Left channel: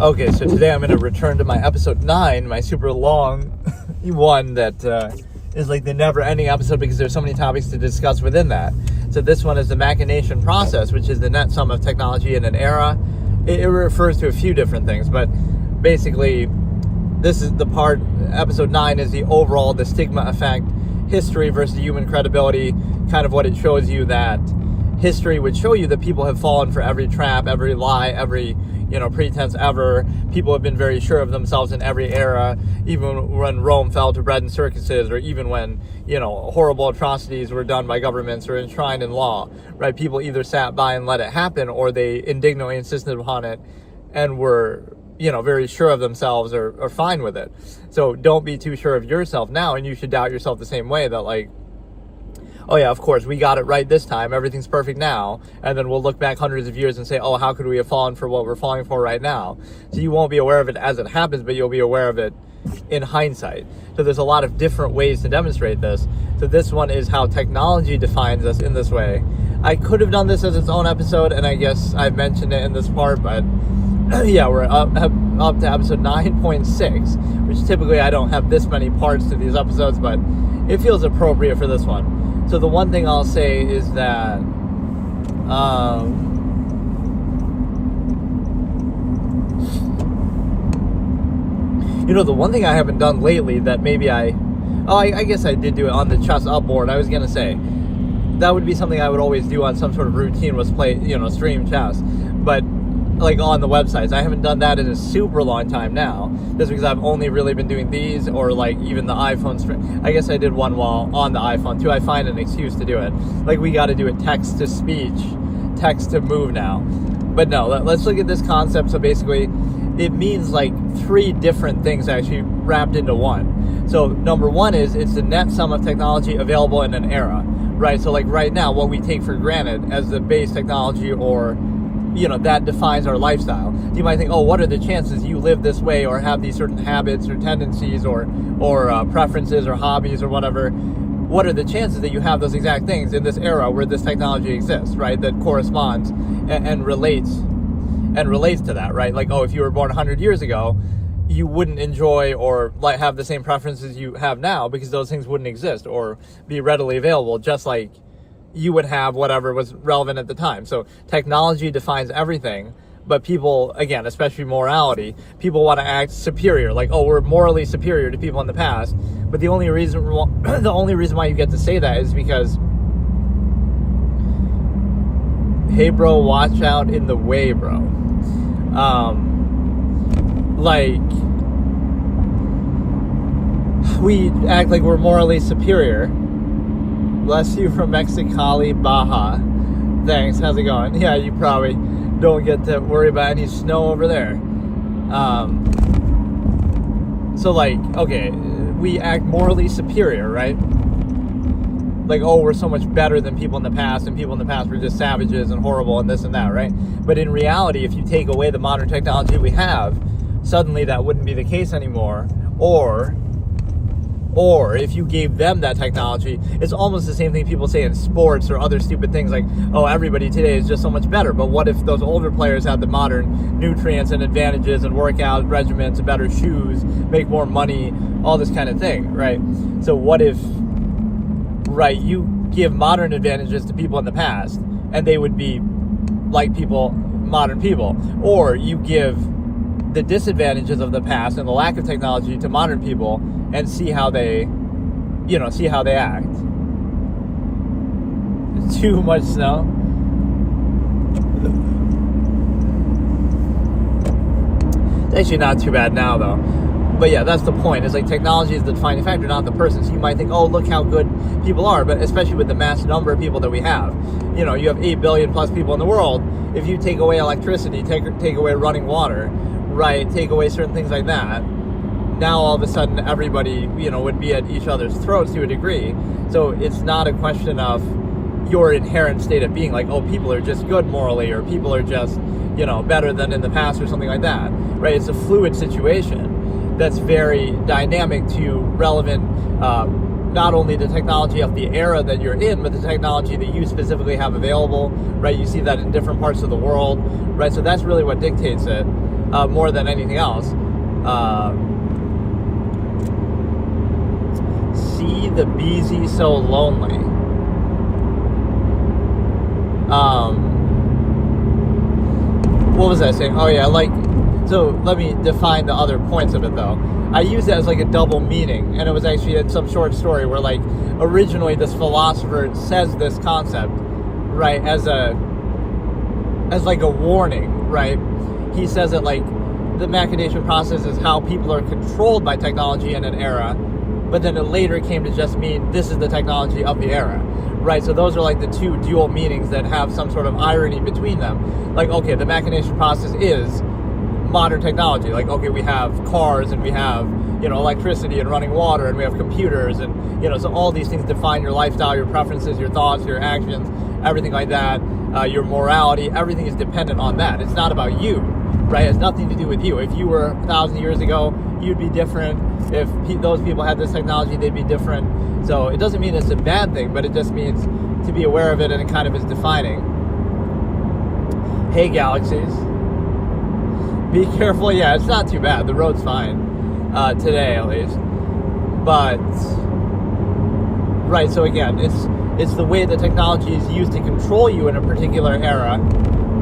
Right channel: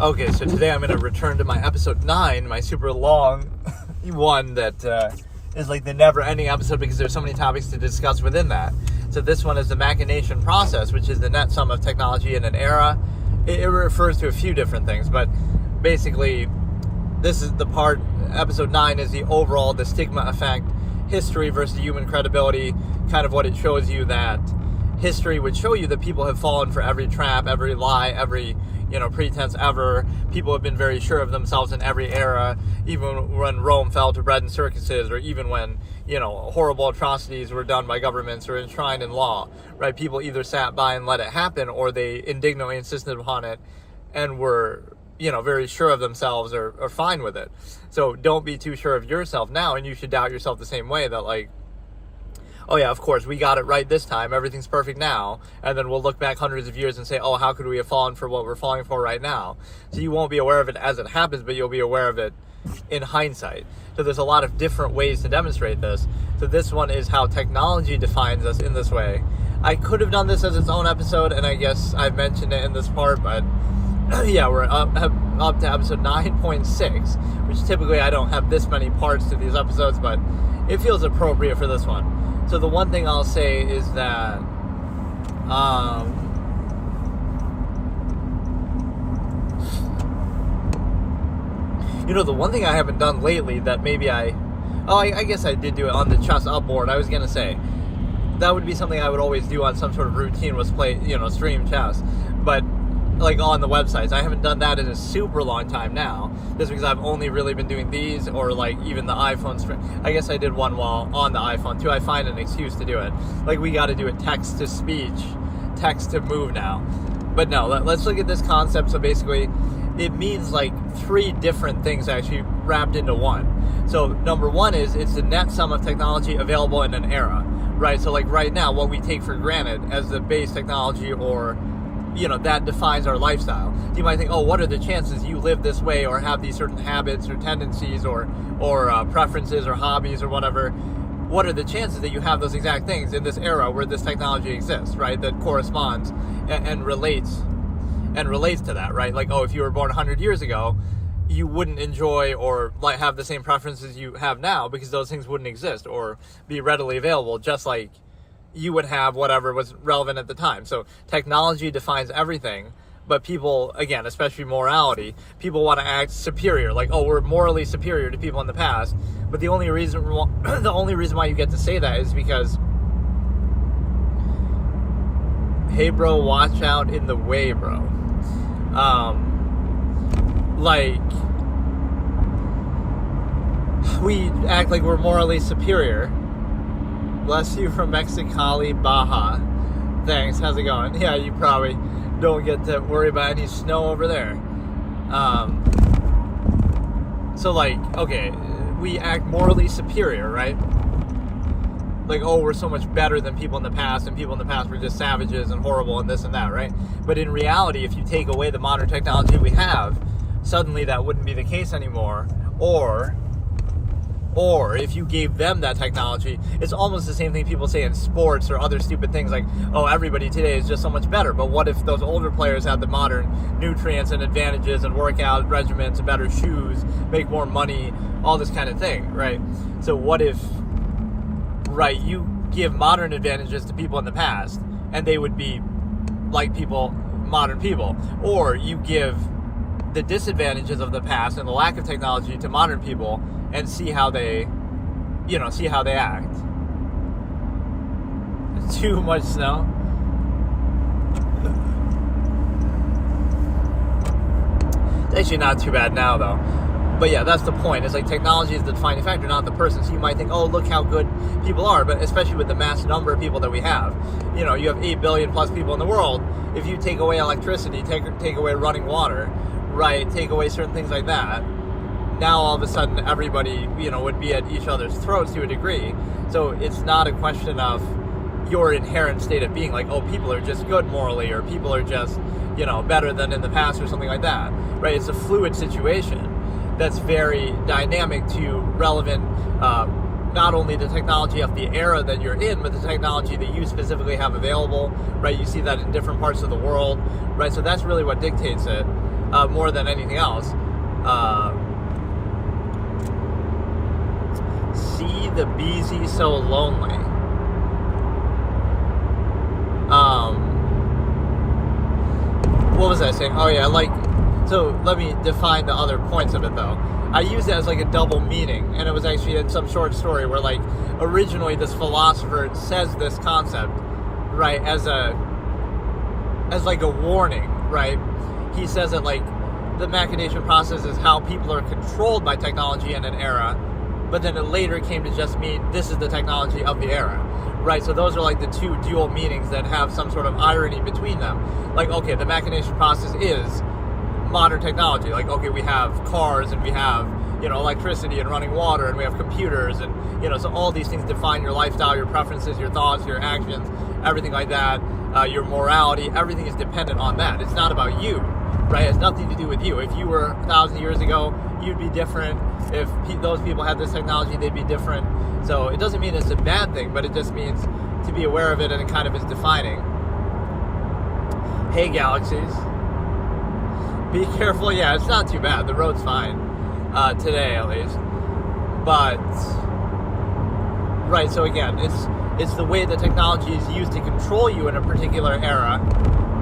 Okay, so today I'm going to return to my episode 9, my super long one that is like the never-ending episode because there's so many topics to discuss within that. So this one is the Machination process, which is the net sum of technology in an era. It refers to a few different things, but basically this is the part, episode 9 is the overall, the stigma effect, history versus human credibility, kind of what it shows you that history would show you that people have fallen for every trap, every lie, every pretense ever. People have been very sure of themselves in every era, even when Rome fell to bread and circuses, or even when, horrible atrocities were done by governments or enshrined in law, right? People either sat by and let it happen, or they indignantly insisted upon it and were, very sure of themselves or fine with it. So don't be too sure of yourself now, and you should doubt yourself the same way that, like, oh yeah, of course, we got it right this time, everything's perfect now, and then we'll look back hundreds of years and say, oh, how could we have fallen for what we're falling for right now? So you won't be aware of it as it happens, but you'll be aware of it in hindsight. So there's a lot of different ways to demonstrate this. So this one is how technology defines us in this way. I could have done this as its own episode, and I guess I've mentioned it in this part, but yeah, we're up to episode 9.6, which typically I don't have this many parts to these episodes, but it feels appropriate for this one. So the one thing I'll say is that the one thing I haven't done lately that maybe I guess I did do it on the chess up board. I was going to say that would be something I would always do on some sort of routine, was play, stream chess. But like on the websites, I haven't done that in a super long time now. Just because I've only really been doing these, or like even the iPhone stream. I guess I did one while on the iPhone too. I find an excuse to do it. Like, we got to do it text to speech, text to move now. But no, let's look at this concept. So basically, it means like 3 different things actually wrapped into one. So number one is it's the net sum of technology available in an era, right? So like right now, what we take for granted as the base technology, or that defines our lifestyle. You might think, oh, what are the chances you live this way or have these certain habits or tendencies or preferences or hobbies or whatever? What are the chances that you have those exact things in this era where this technology exists, right? That corresponds and relates to that, right? Like, oh, if you were born 100 years ago, you wouldn't enjoy or like have the same preferences you have now because those things wouldn't exist or be readily available, just like you would have whatever was relevant at the time. So technology defines everything, but people, again, especially morality, people want to act superior, like, oh, we're morally superior to people in the past. But the only reason why you get to say that is because, hey bro, watch out in the way, bro. Like, we act like we're morally superior. Bless you from Mexicali, Baja. Thanks, how's it going? Yeah, you probably don't get to worry about any snow over there. So like, okay, we act morally superior, right? Like, oh, we're so much better than people in the past, and people in the past were just savages and horrible and this and that, right? But in reality, if you take away the modern technology we have, suddenly that wouldn't be the case anymore. Or if you gave them that technology, it's almost the same thing people say in sports or other stupid things like, oh, everybody today is just so much better. But what if those older players had the modern nutrients and advantages and workout regimens, better shoes, make more money, all this kind of thing, right? So what if, right, you give modern advantages to people in the past and they would be like modern people, or you give the disadvantages of the past and the lack of technology to modern people and see how they act. Too much snow. It's actually not too bad now, though. But yeah, that's the point. It's like technology is the defining factor, not the person. So you might think, oh, look how good people are. But especially with the mass number of people that we have. You have 8 billion plus people in the world. If you take away electricity, take away running water, right, take away certain things like that, now all of a sudden everybody, would be at each other's throats to a degree. So it's not a question of, your inherent state of being, like, oh, people are just good morally, or people are just, you know, better than in the past, or something like that, right? It's a fluid situation that's very dynamic to relevant, not only the technology of the era that you're in, but the technology that you specifically have available, right? You see that in different parts of the world, right? So that's really what dictates it, more than anything else. See the busy so lonely. What was I saying? Oh yeah, like, so let me define the other points of it though. I used it as like a double meaning, and it was actually in some short story where, like, originally this philosopher says this concept, right, as like a warning, right? He says that, like, the machination process is how people are controlled by technology in an era, but then it later came to just mean this is the technology of the era, right? So those are like the two dual meanings that have some sort of irony between them. Like, okay, the machination process is modern technology. Like, okay, we have cars, and we have, you know, electricity and running water, and we have computers, and, you know, so all these things define your lifestyle, your preferences, your thoughts, your actions, everything like that, your morality, everything is dependent on that. It's not about you, right? It has nothing to do with you. If you were 1,000 years ago, you'd be different. If those people had this technology, they'd be different. So it doesn't mean it's a bad thing, but it just means to be aware of it, and it kind of is defining. Hey, galaxies. Be careful. Yeah, it's not too bad. The road's fine. Today, at least. But, right, so again, it's the way the technology is used to control you in a particular era,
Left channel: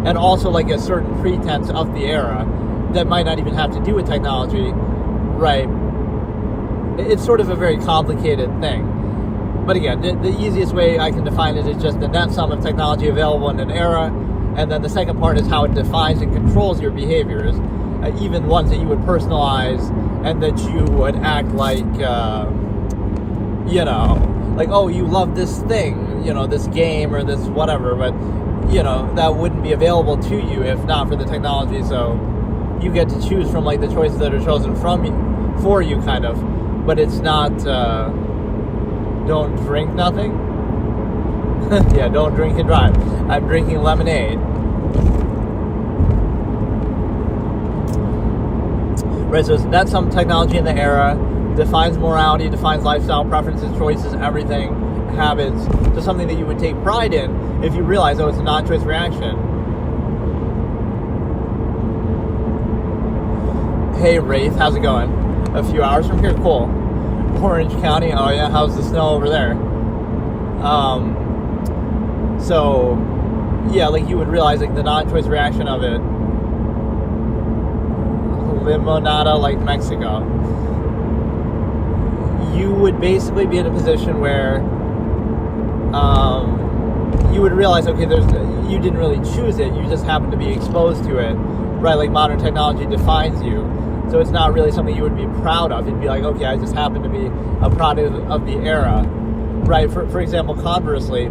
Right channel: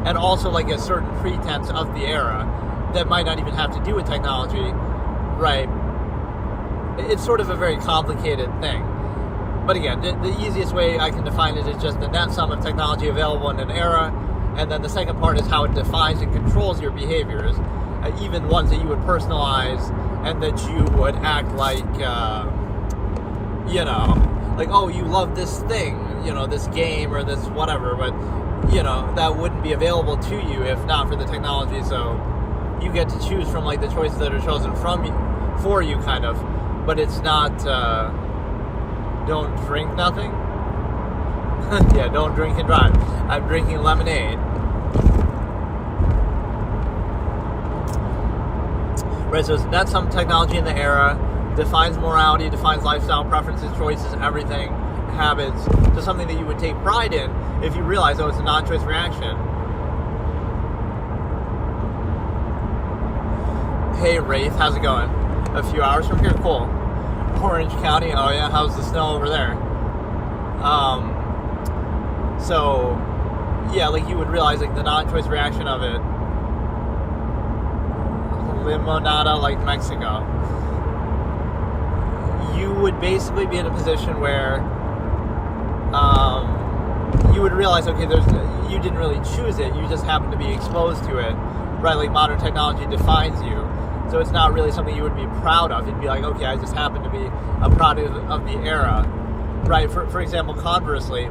and also like a certain pretense of the era that might not even have to do with technology, right? It's sort of a very complicated thing. But again, the easiest way I can define it is just the net sum of technology available in an era, and then the second part is how it defines and controls your behaviors, even ones that you would personalize and that you would act like, you know, like, oh, you love this thing, you know, this game or this whatever, but, you know, that wouldn't be available to you if not for the technology. So you get to choose from, like, the choices that are chosen from you, for you, kind of. But it's not, don't drink nothing. Yeah, don't drink and drive. I'm drinking lemonade. Right, so that's some technology in the era, defines morality, defines lifestyle, preferences, choices, everything, habits. So something that you would take pride in if you realize, oh, it's a non-choice reaction. Hey, Wraith, how's it going? A few hours from here? Cool. Orange County, oh yeah, how's the snow over there? So, yeah, like, you would realize, like, the non-choice reaction of it. Limonada, like Mexico. You would basically be in a position where you would realize, okay, you didn't really choose it, you just happened to be exposed to it, right? Like, modern technology defines you, so it's not really something you would be proud of. You'd be like, okay, I just happen to be a product of the era, right? For example, conversely,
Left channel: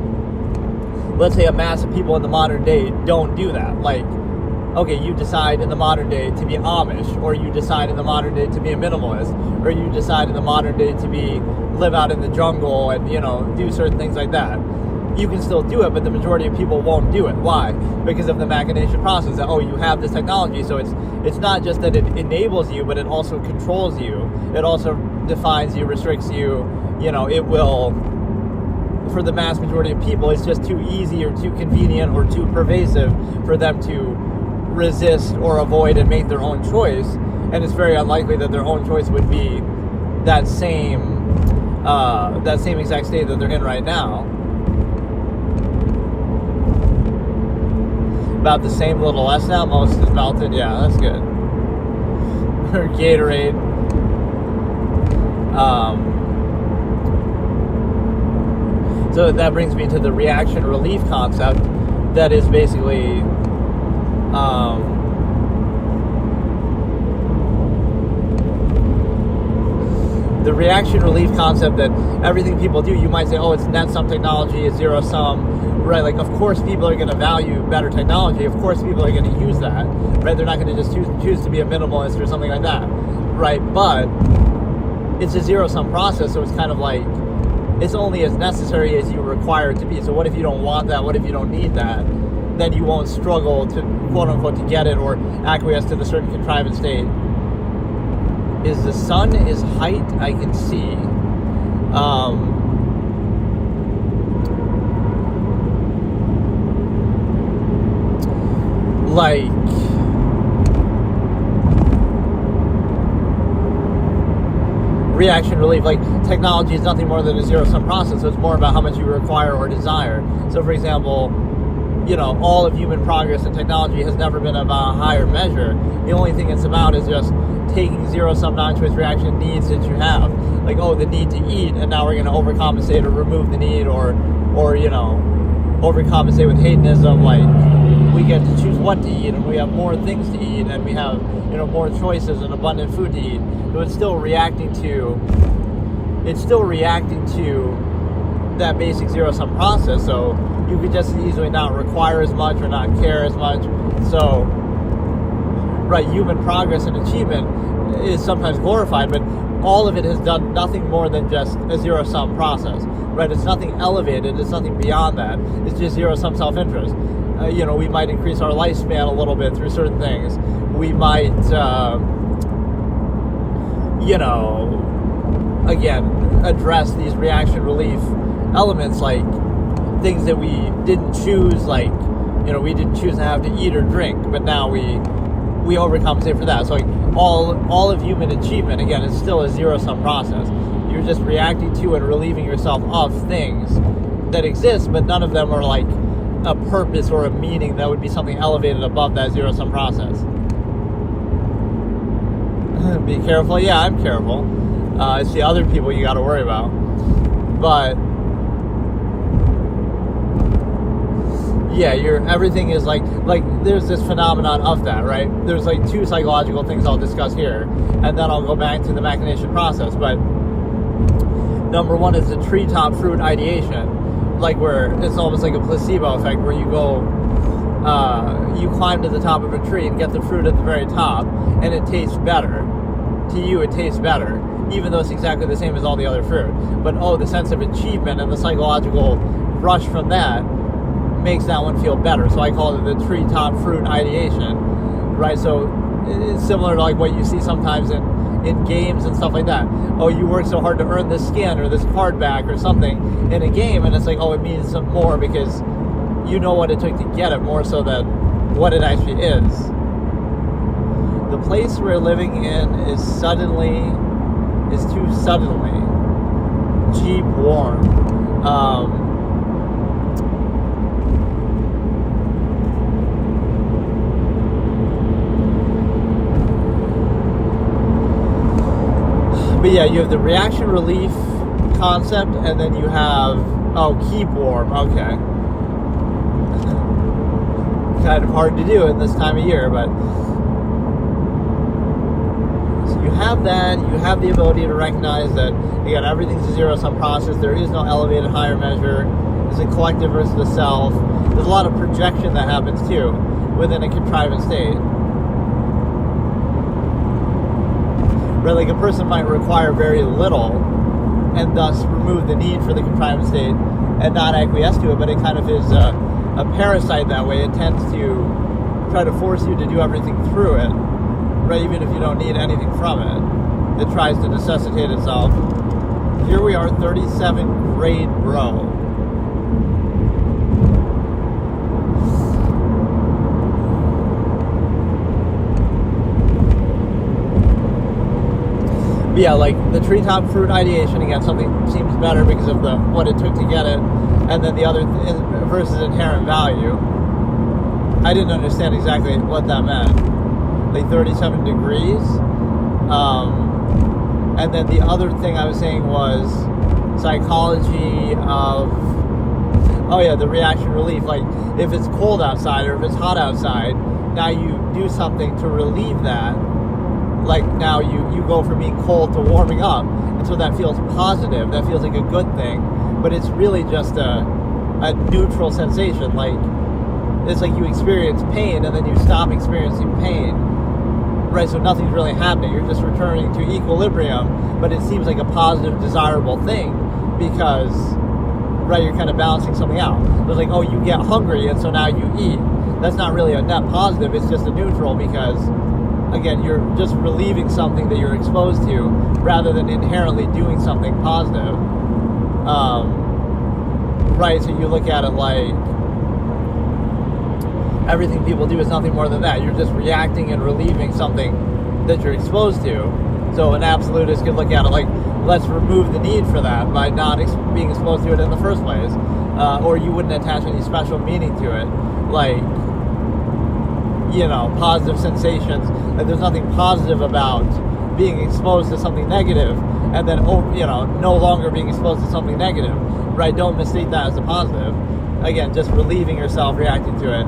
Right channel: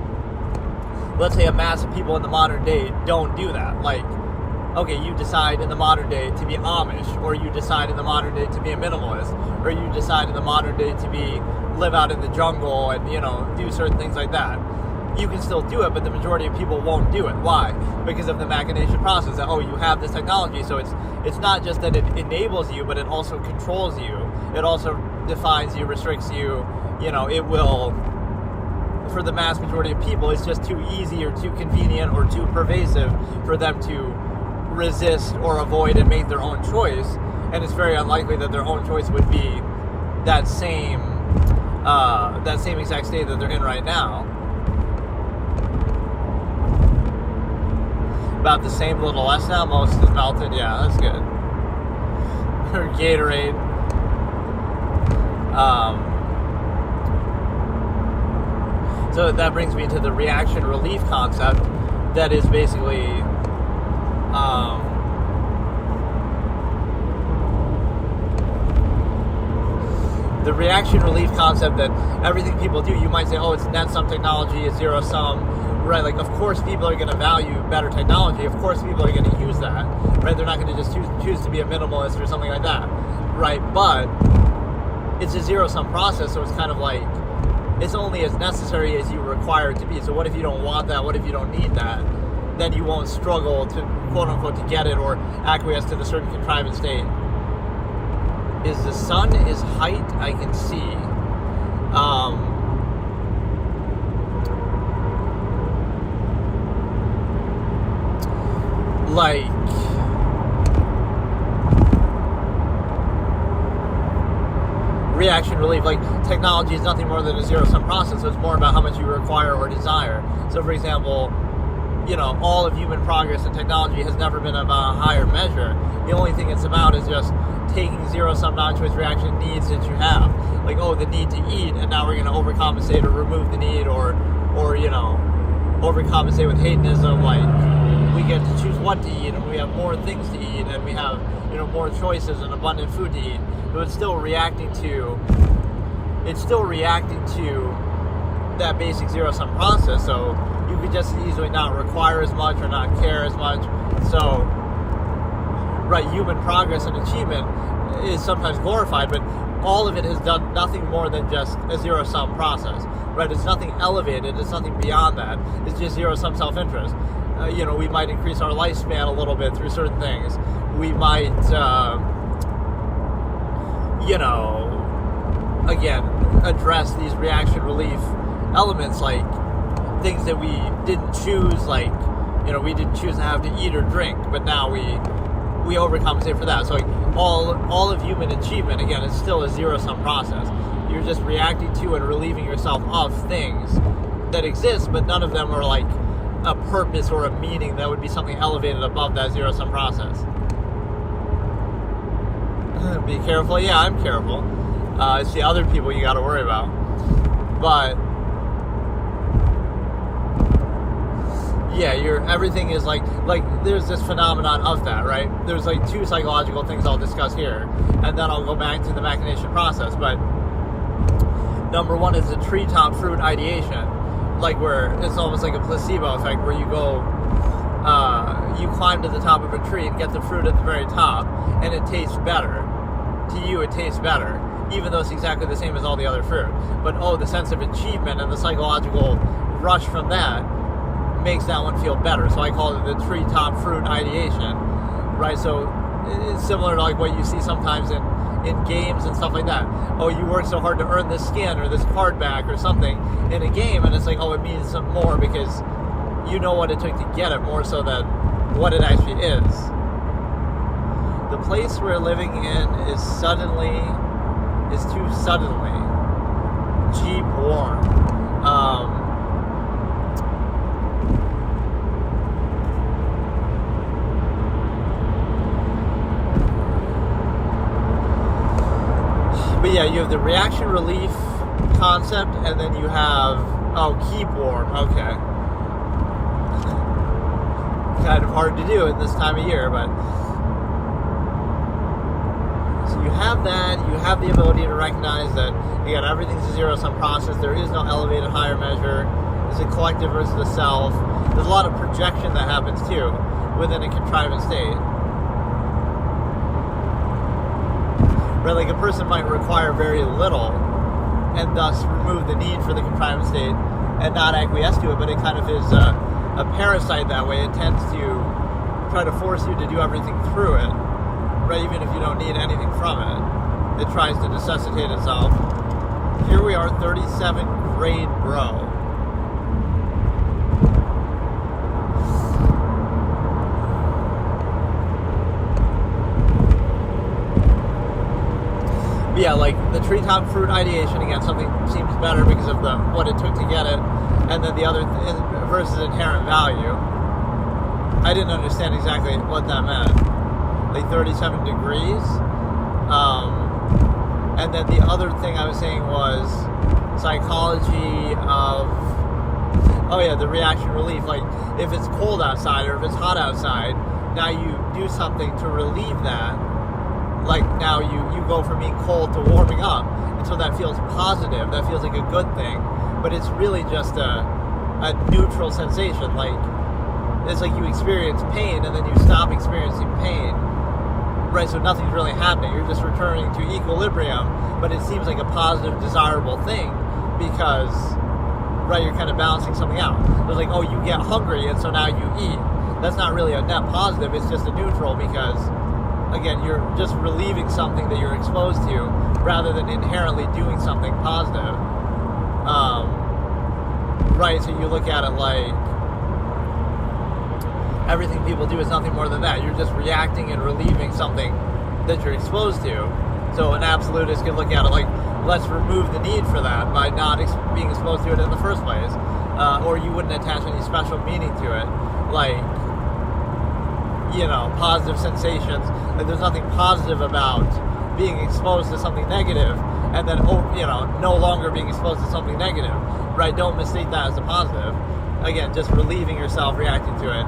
let's say a mass of people in the modern day don't do that. Like, okay, you decide in the modern day to be Amish, or you decide in the modern day to be a minimalist, or you decide in the modern day to live out in the jungle and, you know, do certain things like that. You can still do it, but the majority of people won't do it. Why? Because of the machination process that, oh, you have this technology, so it's not just that it enables you, but it also controls you. It also defines you, restricts you. You know, it will, for the mass majority of people, it's just too easy or too convenient or too pervasive for them to resist or avoid and make their own choice. And it's very unlikely that their own choice would be that same exact state that they're in right now. About the same, a little less now. Most is melted. Yeah, that's good. Or Gatorade. So that brings me to the reaction relief concept. That is basically the reaction relief concept, that everything people do, you might say, oh, it's net sum technology, it's zero sum. Right, like, of course people are going to value better technology. Of course people are going to use that. Right, they're not going to just choose to be a minimalist or something like that. Right, but it's a zero-sum process, so it's kind of like, it's only as necessary as you require it to be. So what if you don't want that? What if you don't need that? Then you won't struggle to, quote unquote, to get it or acquiesce to the certain contrivance state. Is the sun is height? I can see. Like, reaction relief, like technology is nothing more than a zero-sum process, so it's more about how much you require or desire. So for example, all of human progress and technology has never been about a higher measure. The only thing it's about is just taking zero-sum non-choice reaction needs that you have. Like, the need to eat, and now we're going to overcompensate or remove the need, or overcompensate with hedonism. Like, we get to choose what to eat, and we have more things to eat, and we have, more choices and abundant food to eat. So it's still reacting to that basic zero-sum process. So you could just as easily not require as much or not care as much. So, right, human progress and achievement is sometimes glorified, but all of it has done nothing more than just a zero-sum process, right? It's nothing elevated, it's nothing beyond that. It's just zero-sum self-interest. We might increase our lifespan a little bit through certain things. We might, again, address these reaction relief elements, like things that we didn't choose, like, we didn't choose to have to eat or drink, but now we overcompensate for that. So like all of human achievement, again, is still a zero-sum process. You're just reacting to and relieving yourself of things that exist, but none of them are like a purpose or a meaning that would be something elevated above that zero-sum process. Be careful. Yeah, I'm careful. It's the other people you got to worry about. But yeah, everything is like there's this phenomenon of that, right? There's like two psychological things I'll discuss here, and then I'll go back to the machination process. But number one is the treetop fruit ideation, like where it's almost like a placebo effect, where you go, you climb to the top of a tree and get the fruit at the very top, and it tastes better. To you, it tastes better, even though it's exactly the same as all the other fruit. But the sense of achievement and the psychological rush from that makes that one feel better. So I call it the treetop fruit ideation, right? So it's similar to like what you see sometimes in games and stuff like that. You work so hard to earn this skin or this card back or something in a game, and it's like, it means some more because you know what it took to get it, more so than what it actually is. The place we're living in is too suddenly cheap warm. But yeah, you have the reaction relief concept, and then you have, keep warm, okay. Kind of hard to do in this time of year, but so you have that, you have the ability to recognize that, again, everything's a zero-sum process. There is no elevated higher measure. There's a collective versus the self. There's a lot of projection that happens too within a contrivance state. Right, like a person might require very little and thus remove the need for the contrivance state and not acquiesce to it, but it kind of is a parasite that way. It tends to try to force you to do everything through it, right? Even if you don't need anything from it. It tries to necessitate itself. Here we are, 37th grade row. But yeah, like the treetop fruit ideation, again, something seems better because of what it took to get it, and then the other versus inherent value. I didn't understand exactly what that meant. Like 37 degrees. And then the other thing I was saying was psychology of, the reaction relief. Like if it's cold outside or if it's hot outside, now you do something to relieve that. Like now you go from being cold to warming up, and so that feels positive, that feels like a good thing, but it's really just a neutral sensation. Like it's like you experience pain and then you stop experiencing pain, right? So nothing's really happening, you're just returning to equilibrium, but it seems like a positive, desirable thing, because, right, you're kind of balancing something out. It's like, oh, you get hungry and so now you eat. That's not really a net positive, it's just a neutral, because again, you're just relieving something that you're exposed to rather than inherently doing something positive. Right, so you look at it like everything people do is nothing more than that. You're just reacting and relieving something that you're exposed to. So an absolutist could look at it like, let's remove the need for that by not being exposed to it in the first place. Or you wouldn't attach any special meaning to it. Like, you know, positive sensations. Like, there's nothing positive about being exposed to something negative and then, you know, no longer being exposed to something negative. Right? Don't mistake that as a positive. Again, just relieving yourself, reacting to it.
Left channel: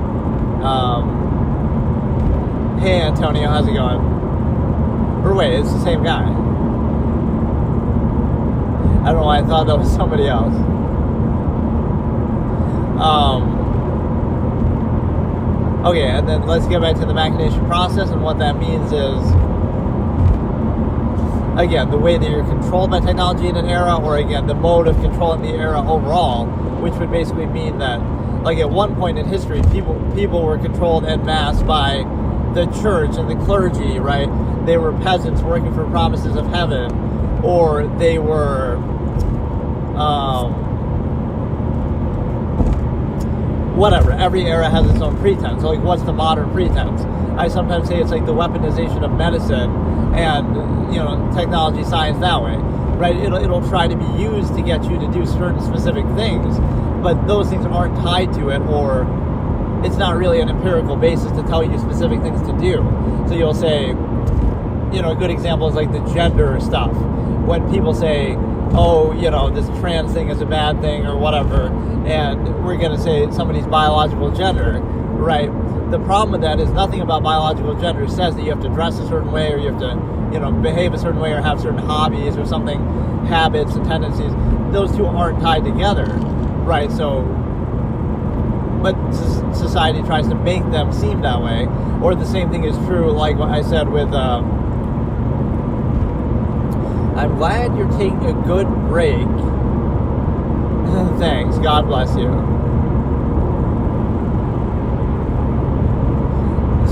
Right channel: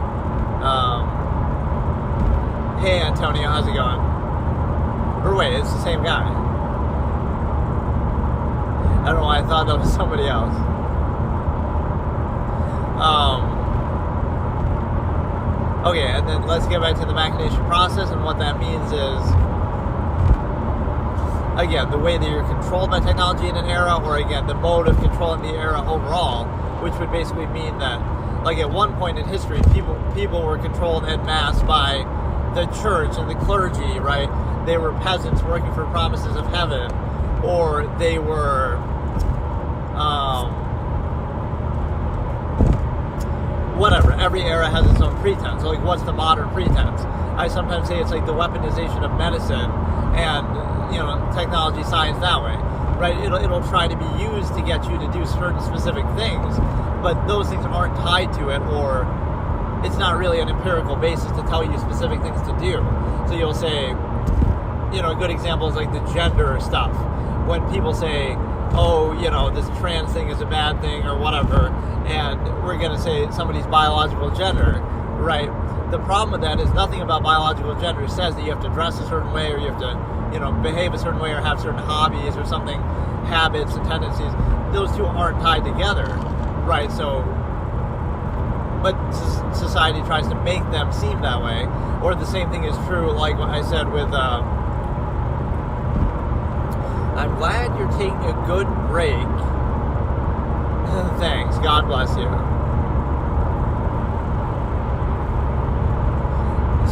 Hey, Antonio, how's it going? Or wait, it's the same guy. I don't know why I thought that was somebody else. Okay, and then let's get back to the machination process, and what that means is, again, the way that you're controlled by technology in an era, or again, the mode of controlling the era overall, which would basically mean that, like, at one point in history, people were controlled en masse by the church and the clergy, right? They were peasants working for promises of heaven, or they were, whatever. Every era has its own pretense. So, like, what's the modern pretense? I sometimes say it's like the weaponization of medicine and, you know, technology, science that way, right? It'll try to be used to get you to do certain specific things, but those things aren't tied to it, or it's not really an empirical basis to tell you specific things to do. So you'll say, you know, a good example is like the gender stuff. When people say, oh, you know, this trans thing is a bad thing or whatever, and we're going to say somebody's biological gender, right? The problem with that is nothing about biological gender says that you have to dress a certain way, or you have to, you know, behave a certain way, or have certain hobbies or something, habits and tendencies. Those two aren't tied together, right? So, but society tries to make them seem that way. Or the same thing is true, like what I said with, I'm glad you're taking a good break. Thanks, God bless you.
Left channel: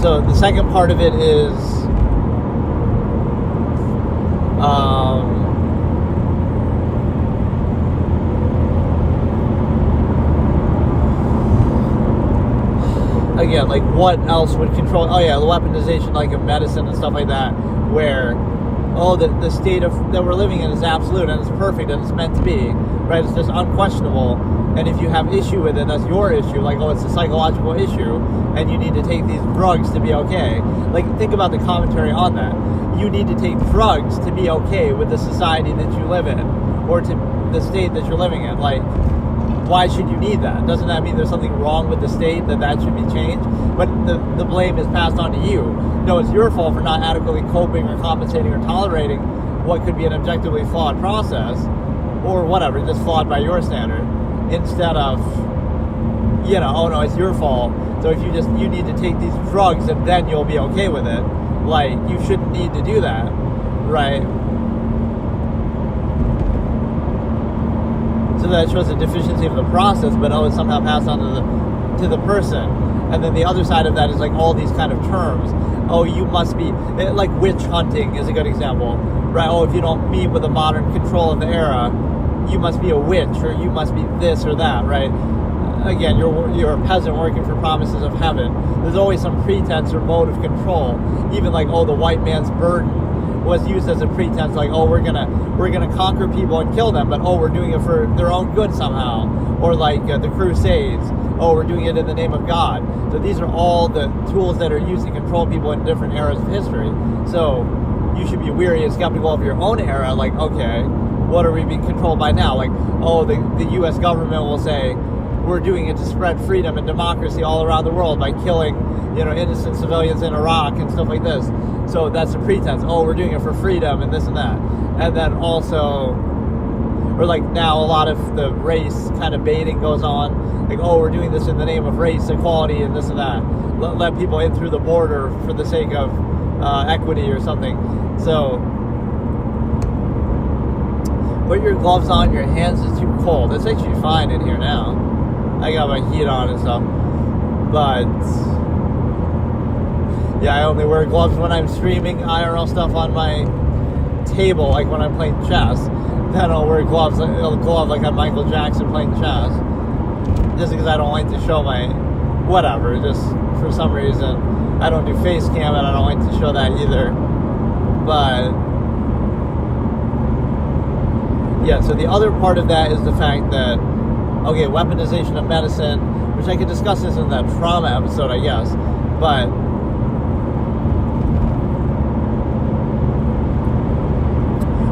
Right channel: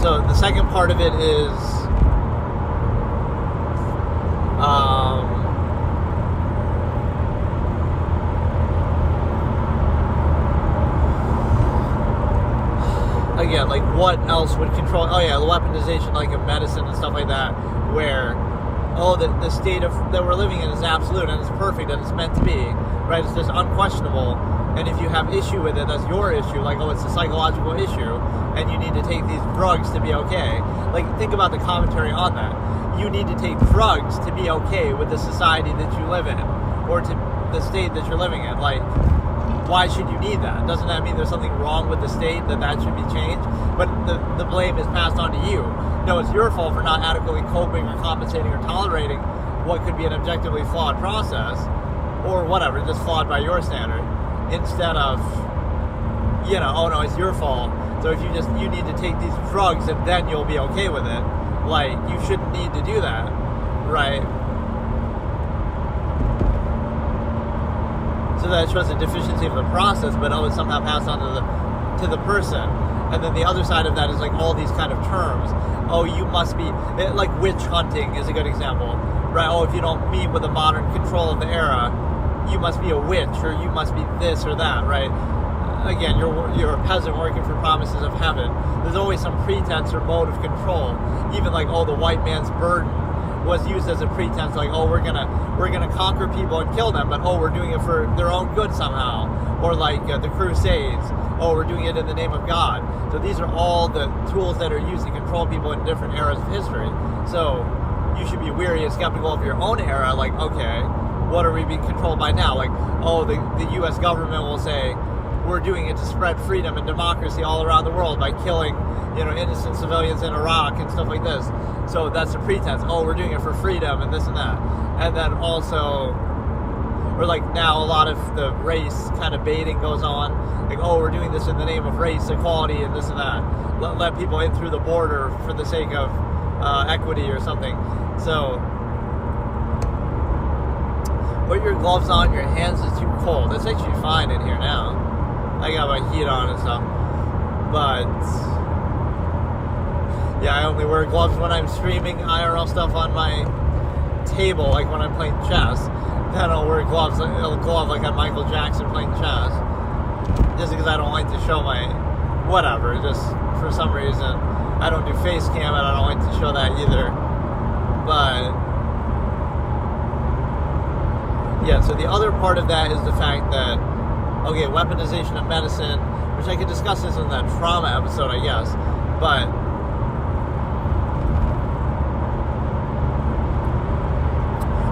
So the second part of it is, again, like, what else would control? Oh yeah, the weaponization, like, of medicine and stuff like that, where, oh, the state of that we're living in is absolute and it's perfect and it's meant to be, right? It's just unquestionable. And if you have issue with it, that's your issue. Like, oh, it's a psychological issue, and you need to take these drugs to be okay. Like, think about the commentary on that. You need to take drugs to be okay with the society that you live in, or to the state that you're living in. Like, why should you need that? Doesn't that mean there's something wrong with the state, that should be changed? But the blame is passed on to you. No, it's your fault for not adequately coping or compensating or tolerating what could be an objectively flawed process, or whatever, just flawed by your standard, instead of, you know, oh no, it's your fault. So if you need to take these drugs and then you'll be okay with it. Like, you shouldn't need to do that, right? So that shows a deficiency of the process, but oh, it's somehow passed on to the person. And then the other side of that is like all these kind of terms. Oh, you must be, like, witch hunting is a good example, right? Oh, if you don't meet with the modern control of the era, you must be a witch, or you must be this or that, right? Again, you're a peasant working for promises of heaven. There's always some pretense or mode of control. Even like, oh, the white man's burden was used as a pretense, like, oh, we're gonna conquer people and kill them, but oh, we're doing it for their own good somehow. Or like the Crusades, oh, we're doing it in the name of God. So these are all the tools that are used to control people in different eras of history. So you should be weary and skeptical of your own era. Like, okay, what are we being controlled by now? Like, oh, the U.S. government will say, we're doing it to spread freedom and democracy all around the world by killing, you know, innocent civilians in Iraq and stuff like this. So that's a pretense. Oh, we're doing it for freedom and this and that. And then also, or like now a lot of the race kind of baiting goes on. Like, oh, we're doing this in the name of race equality and this and that. Let people in through the border for the sake of put your gloves on, your hands is too cold. It's actually fine in here now. I got my heat on and stuff. But yeah, I only wear gloves when I'm streaming IRL stuff on my table, like when I'm playing chess. Then I'll wear gloves, like on Michael Jackson playing chess. Just because I don't like to show my whatever, just for some reason. I don't do face cam and I don't like to show that either. But yeah, so the other part of that is the fact that, okay, weaponization of medicine, which I could discuss this in that trauma episode, I guess, but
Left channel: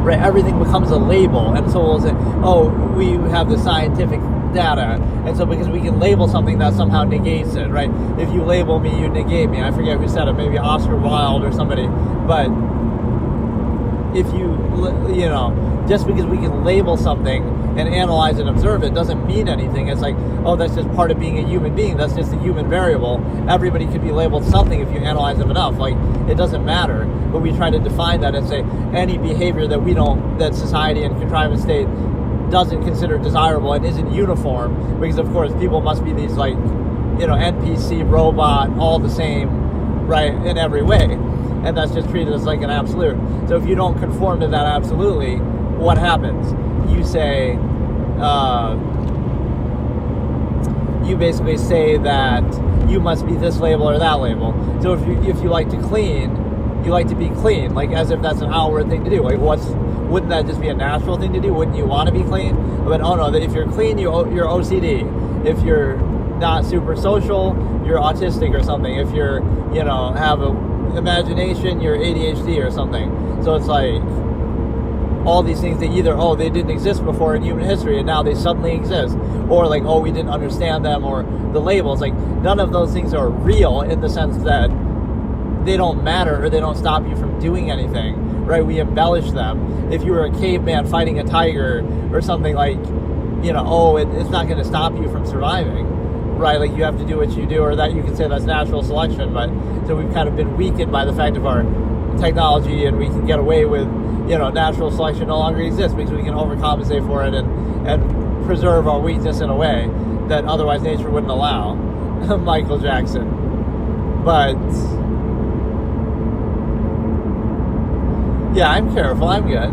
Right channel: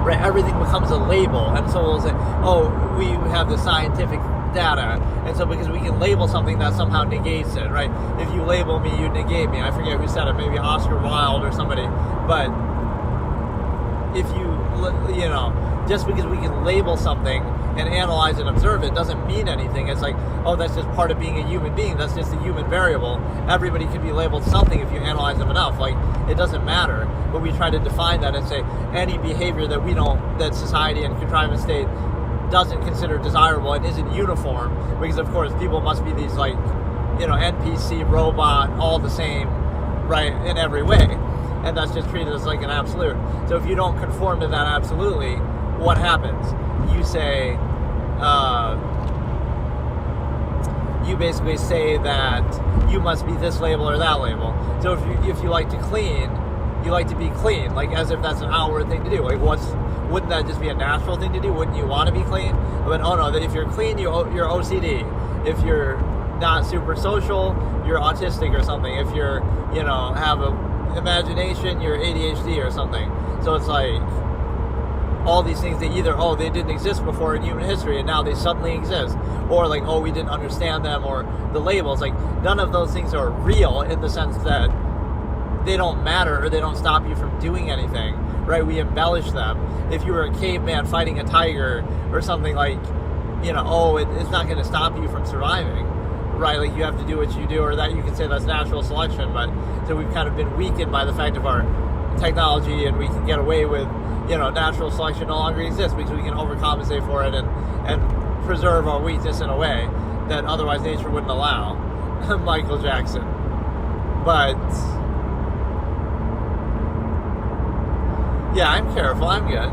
right, everything becomes a label, and so we'll say, oh, we have the scientific data, and so because we can label something, that somehow negates it, right? If you label me, you negate me. I forget who said it, maybe Oscar Wilde or somebody, but if you know, just because we can label something and analyze and observe it doesn't mean anything. It's like, oh, that's just part of being a human being. That's just a human variable. Everybody could be labeled something if you analyze them enough. Like, it doesn't matter. But we try to define that and say any behavior that society and contrivance state doesn't consider desirable and isn't uniform, because of course people must be these, like, you know, NPC, robot, all the same, right, in every way. And that's just treated as like an absolute. So if you don't conform to that absolutely, what happens? You say, you basically say that you must be this label or that label. So if you like to clean, you like to be clean, like as if that's an outward thing to do. Like, wouldn't that just be a natural thing to do? Wouldn't you want to be clean? But oh no, if you're clean, you're OCD. If you're not super social, you're autistic or something. If you're, you know, have a imagination, you're ADHD or something. So it's like all these things that either, oh, they didn't exist before in human history and now they suddenly exist, or like, oh, we didn't understand them, or the labels. Like, none of those things are real in the sense that they don't matter or they don't stop you from doing anything, right? We embellish them. If you were a caveman fighting a tiger or something, like, you know, oh, it's not going to stop you from surviving, right? Like, you have to do what you do, or that you can say that's natural selection. But so we've kind of been weakened by the fact of our technology, and we can get away with, you know, natural selection no longer exists because we can overcompensate for it and preserve our weakness in a way that otherwise nature wouldn't allow. Michael Jackson. But yeah, I'm careful. I'm good.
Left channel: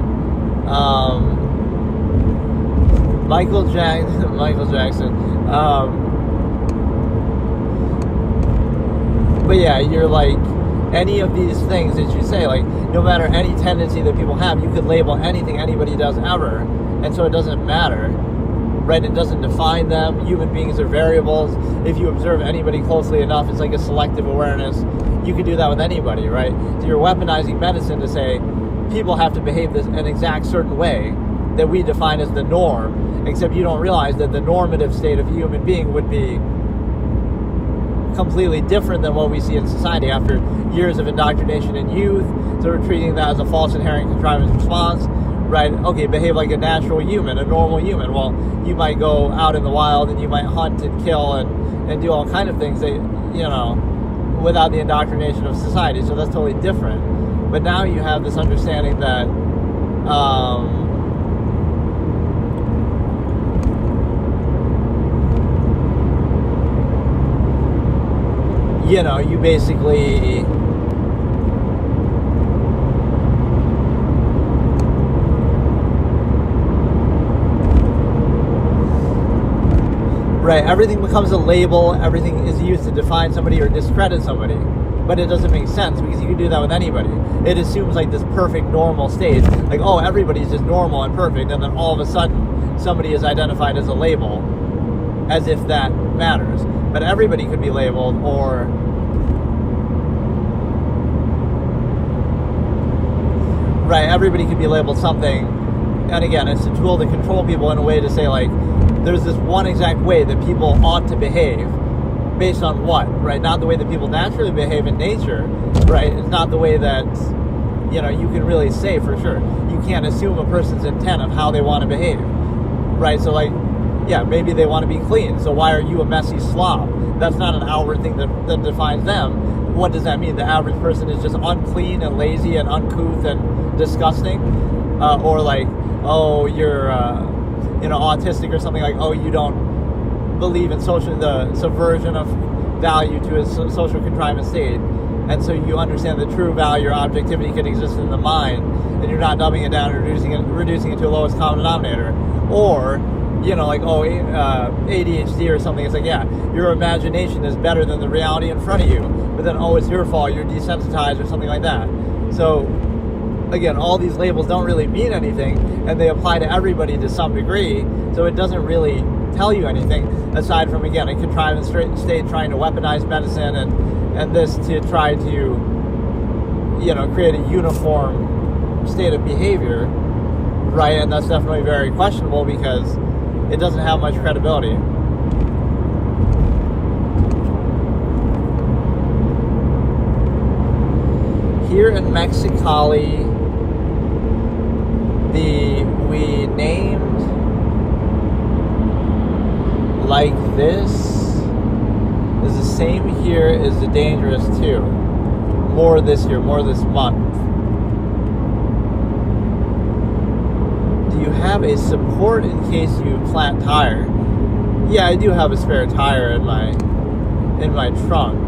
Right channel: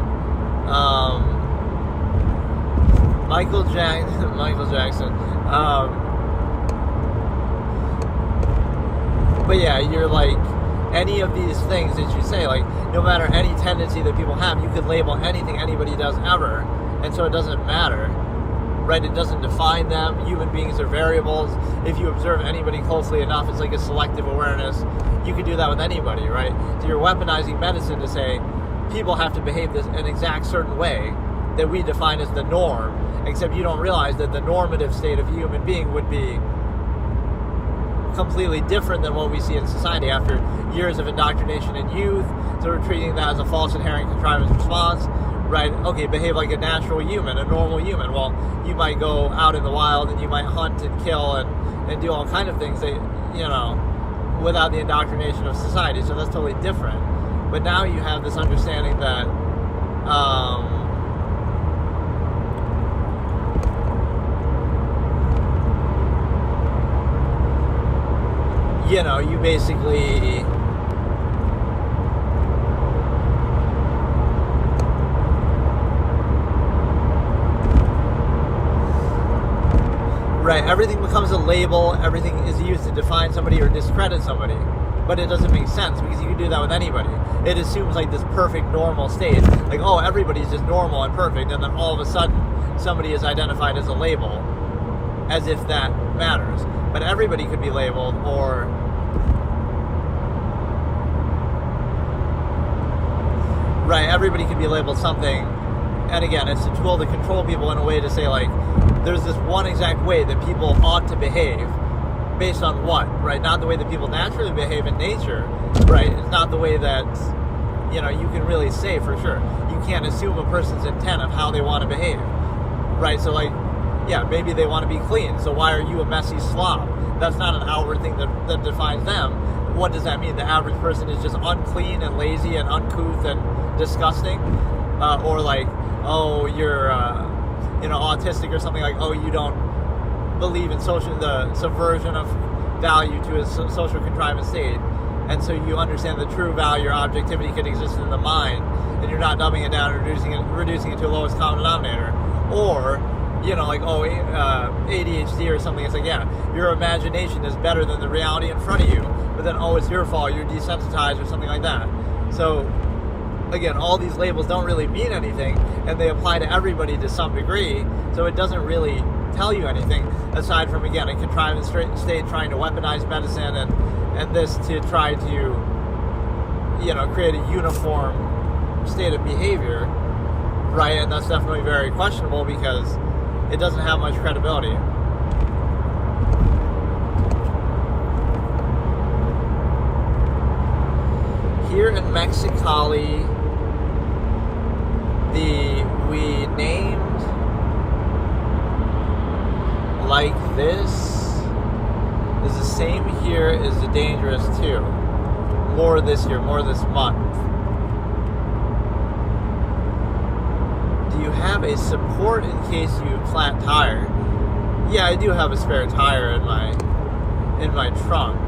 Michael Jackson. But yeah, you're like, any of these things that you say, like, no matter any tendency that people have, you could label anything anybody does ever, and so it doesn't matter, right? It doesn't define them. Human beings are variables. If you observe anybody closely enough, it's like a selective awareness. You could do that with anybody, right? So you're weaponizing medicine to say people have to behave an exact certain way that we define as the norm, except you don't realize that the normative state of a human being would be completely different than what we see in society after years of indoctrination in youth. So we're treating that as a false inherent contrivance response, right? Okay, behave like a natural human, a normal human. Well, you might go out in the wild and you might hunt and kill and do all kind of things that, you know, without the indoctrination of society. So that's totally different. But now you have this understanding that you know, you basically right, everything becomes a label, everything is used to define somebody or discredit somebody. But it doesn't make sense because you can do that with anybody. It assumes like this perfect normal state, like, oh, everybody's just normal and perfect, and then all of a sudden somebody is identified as a label, as if that matters. But everybody could be labeled, or right, everybody could be labeled something. And again, it's a tool to control people in a way to say, like, there's this one exact way that people ought to behave. Based on what, right? Not the way that people naturally behave in nature, right? It's not the way that, you know, you can really say for sure. You can't assume a person's intent of how they want to behave, right? So, like, yeah, maybe they want to be clean, so why are you a messy slob? That's not an outward thing that defines them. What does that mean? The average person is just unclean and lazy and uncouth and disgusting? or like, oh, you're autistic or something, like, oh, you don't believe in the subversion of value to a social contrivance state, and so you understand the true value or objectivity can exist in the mind, and you're not dumbing it down and reducing it to a lowest common denominator. Or, like, oh, ADHD or something. It's like, yeah, your imagination is better than the reality in front of you, but then, oh, it's your fault, you're desensitized or something like that. So again, all these labels don't really mean anything, and they apply to everybody to some degree, so it doesn't really tell you anything aside from, again, a contrivance state trying to weaponize medicine and this to try to create a uniform state of behavior, right? And that's definitely very questionable because it doesn't have much credibility. Here in Mexicali, we named like this is the same here as the dangerous too. More this year, more this month. Do you have a support in case you flat tire? Yeah, I do have a spare tire in my trunk.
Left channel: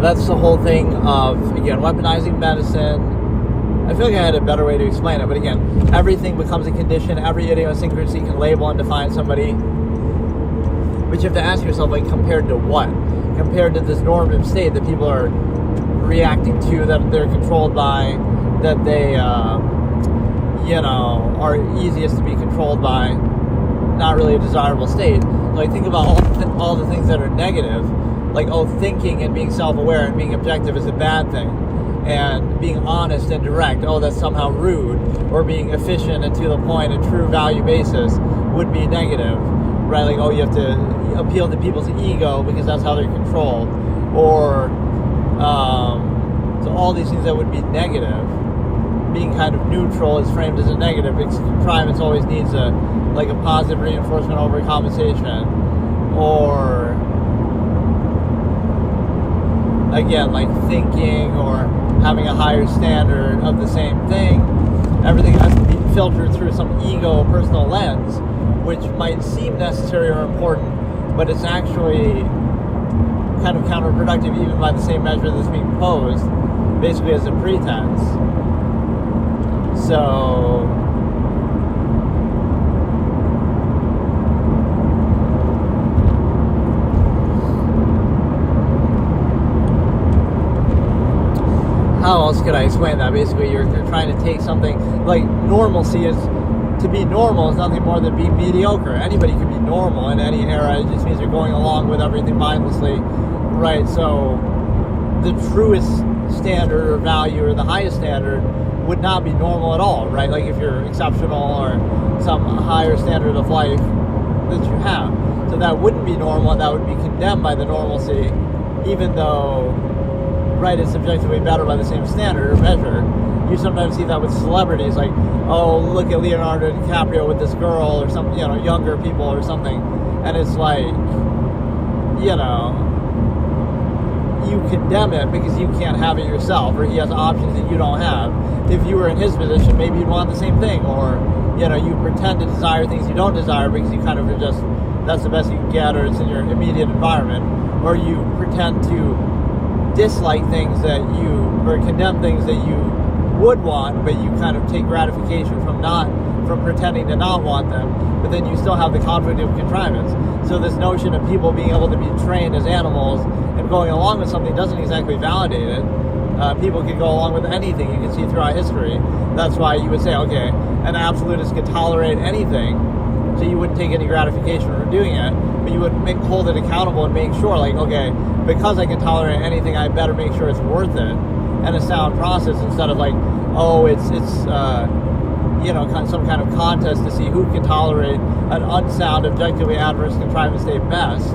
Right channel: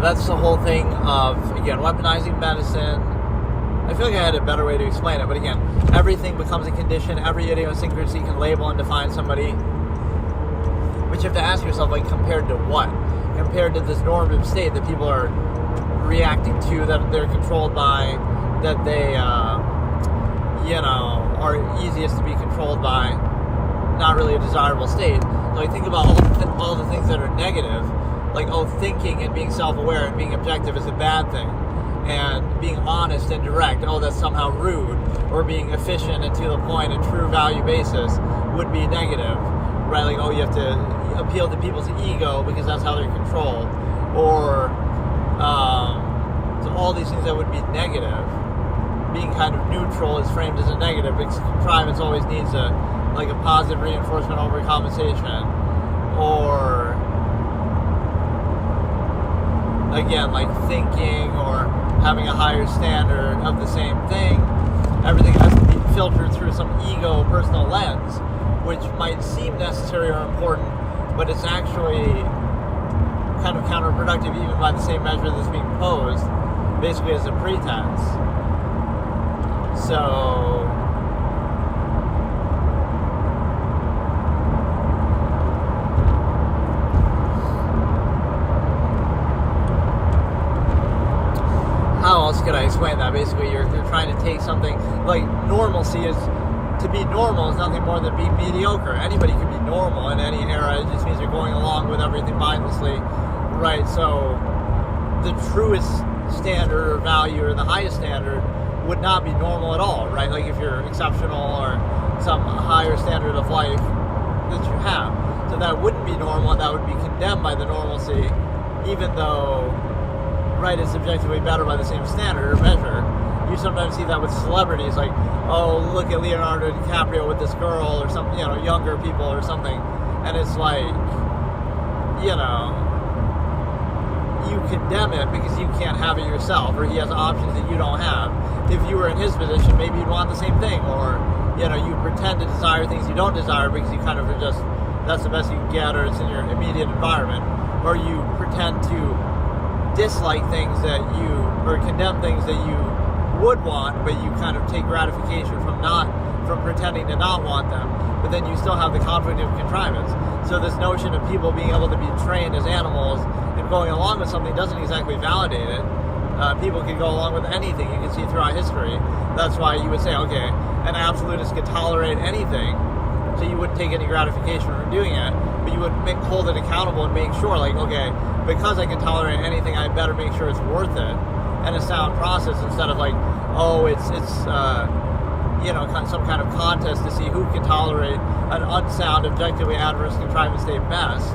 That's the whole thing of, again, weaponizing medicine. I feel like I had a better way to explain it, but again, everything becomes a condition. Every idiosyncrasy can label and define somebody. But you have to ask yourself, like, compared to what? Compared to this normative state that people are reacting to, that they're controlled by, that they, are easiest to be controlled by, not really a desirable state. Like, think about all the things that are negative. Like, oh, thinking and being self-aware and being objective is a bad thing. And being honest and direct, oh, that's somehow rude. Or being efficient and to the point, a true value basis would be negative. Right? Like, oh, you have to appeal to people's ego because that's how they're controlled. Or, so all these things that would be negative. Being kind of neutral is framed as a negative because contrivance always needs a positive reinforcement over compensation. Or, again, like thinking or having a higher standard of the same thing. Everything has to be filtered through some ego personal lens, which might seem necessary or important, but it's actually kind of counterproductive even by the same measure that's being posed, basically as a pretense. So how else could I explain that? Basically, you're trying to take something like normalcy is, to be normal is nothing more than being mediocre. Anybody can be normal in any era. It just means you're going along with everything mindlessly, right? So the truest standard or value or the highest standard would not be normal at all, right? Like if you're exceptional or some higher standard of life that you have. So that wouldn't be normal, and that would be condemned by the normalcy, even though, right, it's subjectively better by the same standard or measure. You sometimes see that with celebrities, like, oh, look at Leonardo DiCaprio with this girl or some, younger people or something, and it's like, you condemn it because you can't have it yourself, or he has options that you don't have. If you were in his position, maybe you'd want the same thing, or, you pretend to desire things you don't desire because you kind of are just, that's the best you can get, or it's in your immediate environment, or you pretend to dislike things that you, or condemn things that you would want, but you kind of take gratification from pretending to not want them, but then you still have the conflict of contrivance. So this notion of people being able to be trained as animals and going along with something doesn't exactly validate it. People can go along with anything. You can see throughout history. That's why you would say, okay, an absolutist could tolerate anything, so you wouldn't take any gratification from doing it, but you would hold it accountable and make sure, like, okay, because I can tolerate anything, I better make sure it's worth it, and a sound process, instead of like, oh, it's some kind of contest to see who can tolerate an unsound, objectively adverse contrivance state best.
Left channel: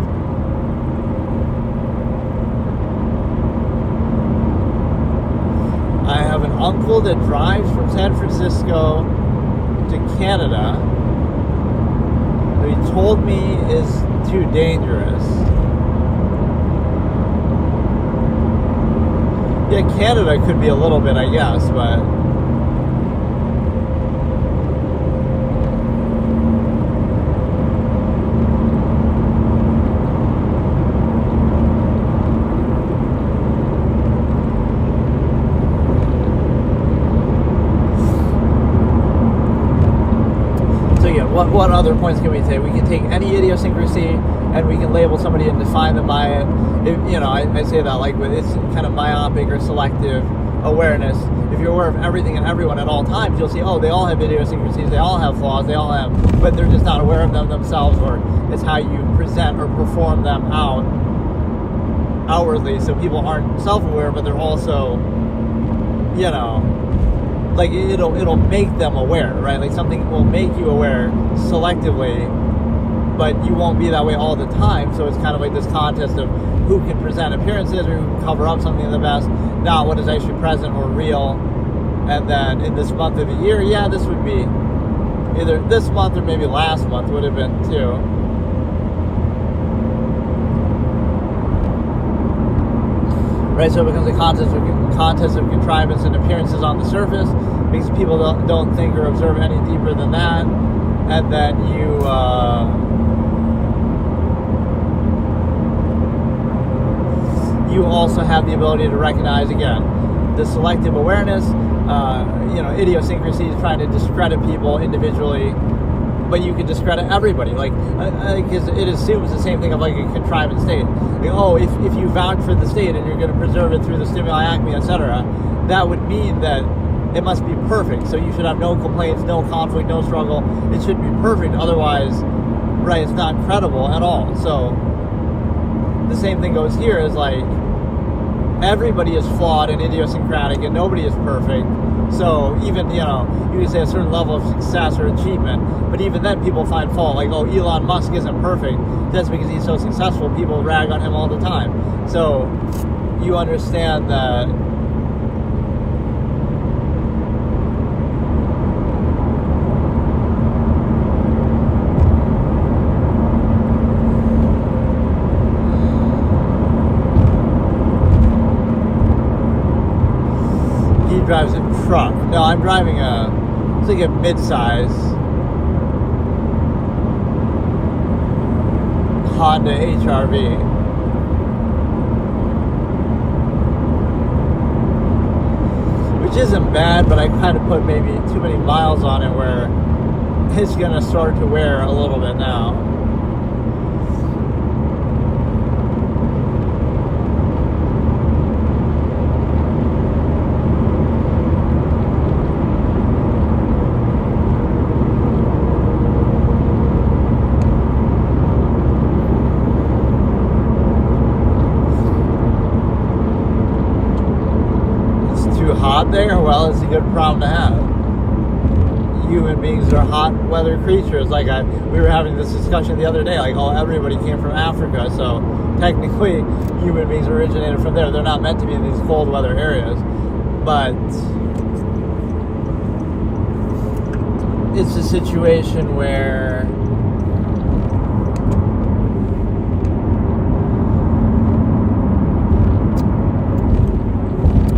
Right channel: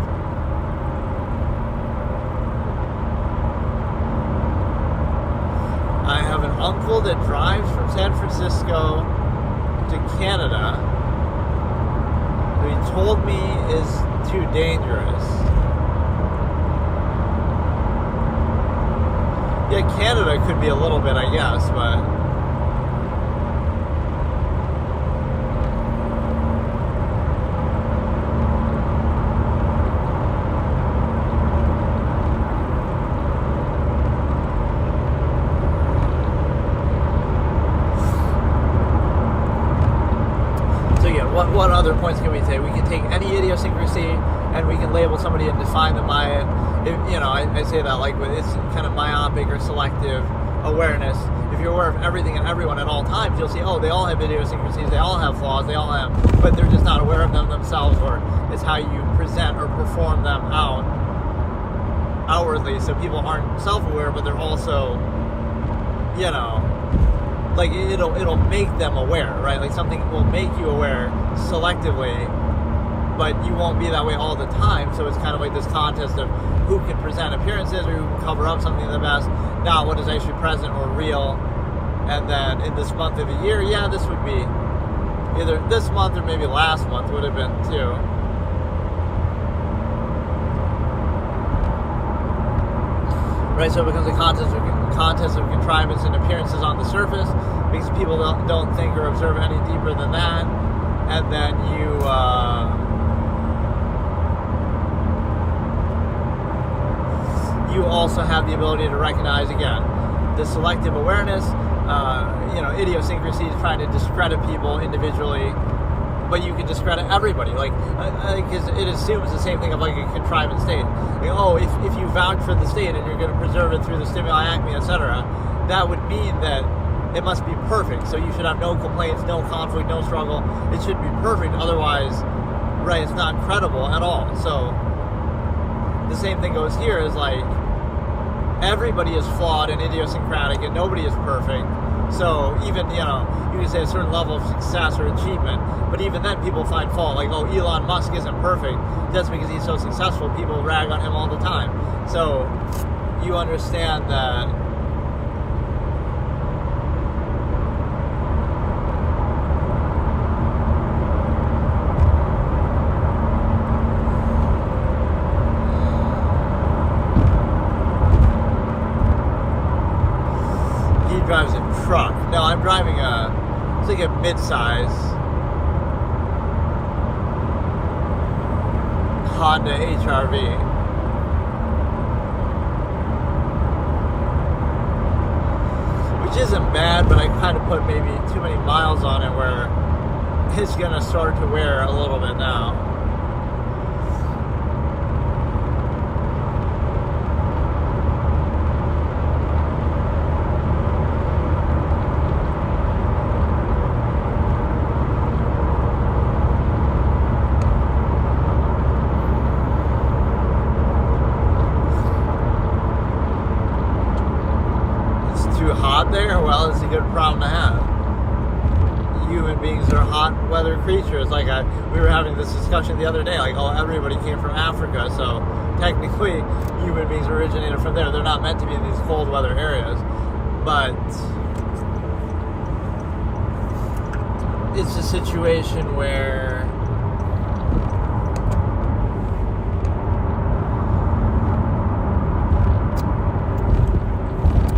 I haven't uncle that drives from San Francisco to Canada, who he told me is too dangerous. Yeah, Canada could be a little bit, I guess, but what other points can we take? We can take any idiosyncrasy and we can label somebody and define them by it. I say that like with it's kind of myopic or selective awareness. If you're aware of everything and everyone at all times, you'll see, oh, they all have idiosyncrasies, they all have flaws, they all have, but they're just not aware of them themselves, or it's how you present or perform them outwardly. So people aren't self-aware, but they're also, like it'll make them aware, right? Like something will make you aware selectively, but you won't be that way all the time. So it's kind of like this contest of who can present appearances or who can cover up something the best, not what is actually present or real. And then in this month of the year, yeah, this would be either this month or maybe last month would have been too. Right, so it becomes a contest of contrivance and appearances on the surface, because people don't think or observe any deeper than that. And then you also have the ability to recognize, again, the selective awareness, idiosyncrasies, trying to discredit people individually, but you can discredit everybody. Because it assumes the same thing of like a contrivance state. Like, if you vouch for the state and you're going to preserve it through the stimuli acme, etc., that would mean that it must be perfect. So you should have no complaints, no conflict, no struggle. It should be perfect. Otherwise, right, it's not credible at all. So the same thing goes here, is like everybody is flawed and idiosyncratic and nobody is perfect. So even, you can say a certain level of success or achievement, but even then people find fault. Like, oh, Elon Musk isn't perfect. Just because he's so successful, people rag on him all the time. So you understand that drives a truck. No, I'm driving it's like a mid-size Honda HR-V. Which isn't bad, but I kind of put maybe too many miles on it where it's gonna start to wear a little bit now. There, well, it's a good problem to have. Human beings are hot weather creatures. Like we were having this discussion the other day, like, oh, everybody came from Africa, so technically human beings originated from there. They're not meant to be in these cold weather areas, but it's a situation where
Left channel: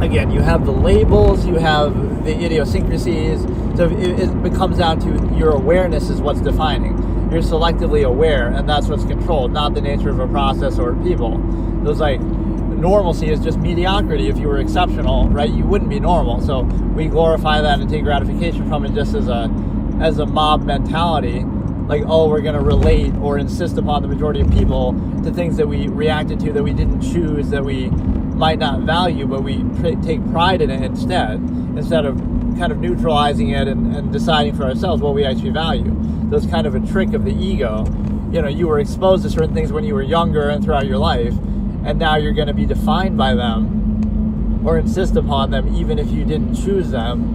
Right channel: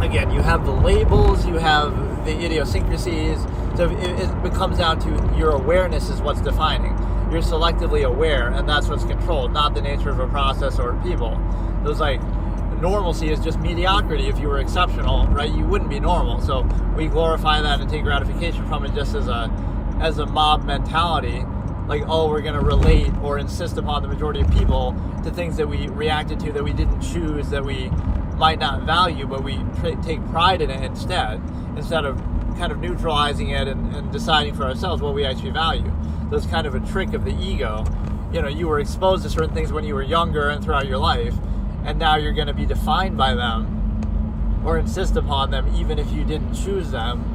again, you have the labels, you have the idiosyncrasies, so it becomes down to your awareness is what's defining. You're selectively aware, and that's what's controlled, not the nature of a process or people. Those, like, normalcy is just mediocrity. If you were exceptional, right, you wouldn't be normal. So we glorify that and take gratification from it just as a mob mentality. Like, oh, we're going to relate or insist upon the majority of people to things that we reacted to, that we didn't choose, that we might not value, but we take pride in it instead of kind of neutralizing it and deciding for ourselves what we actually value. So it's kind of a trick of the ego. You were exposed to certain things when you were younger and throughout your life, and now you're going to be defined by them or insist upon them even if you didn't choose them.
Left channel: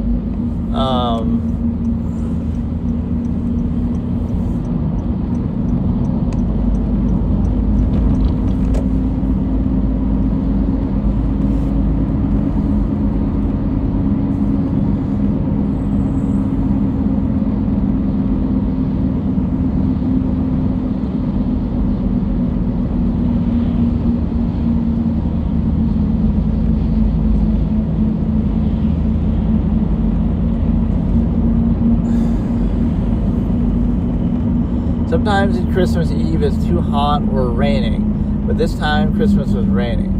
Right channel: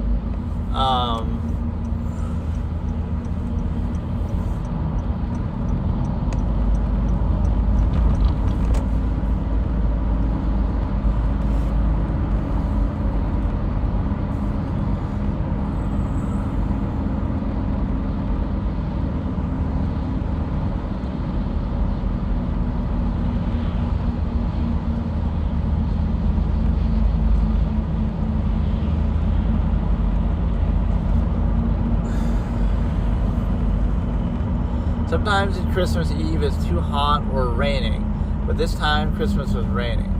Sometimes Christmas Eve is too hot or raining, but this time Christmas was raining.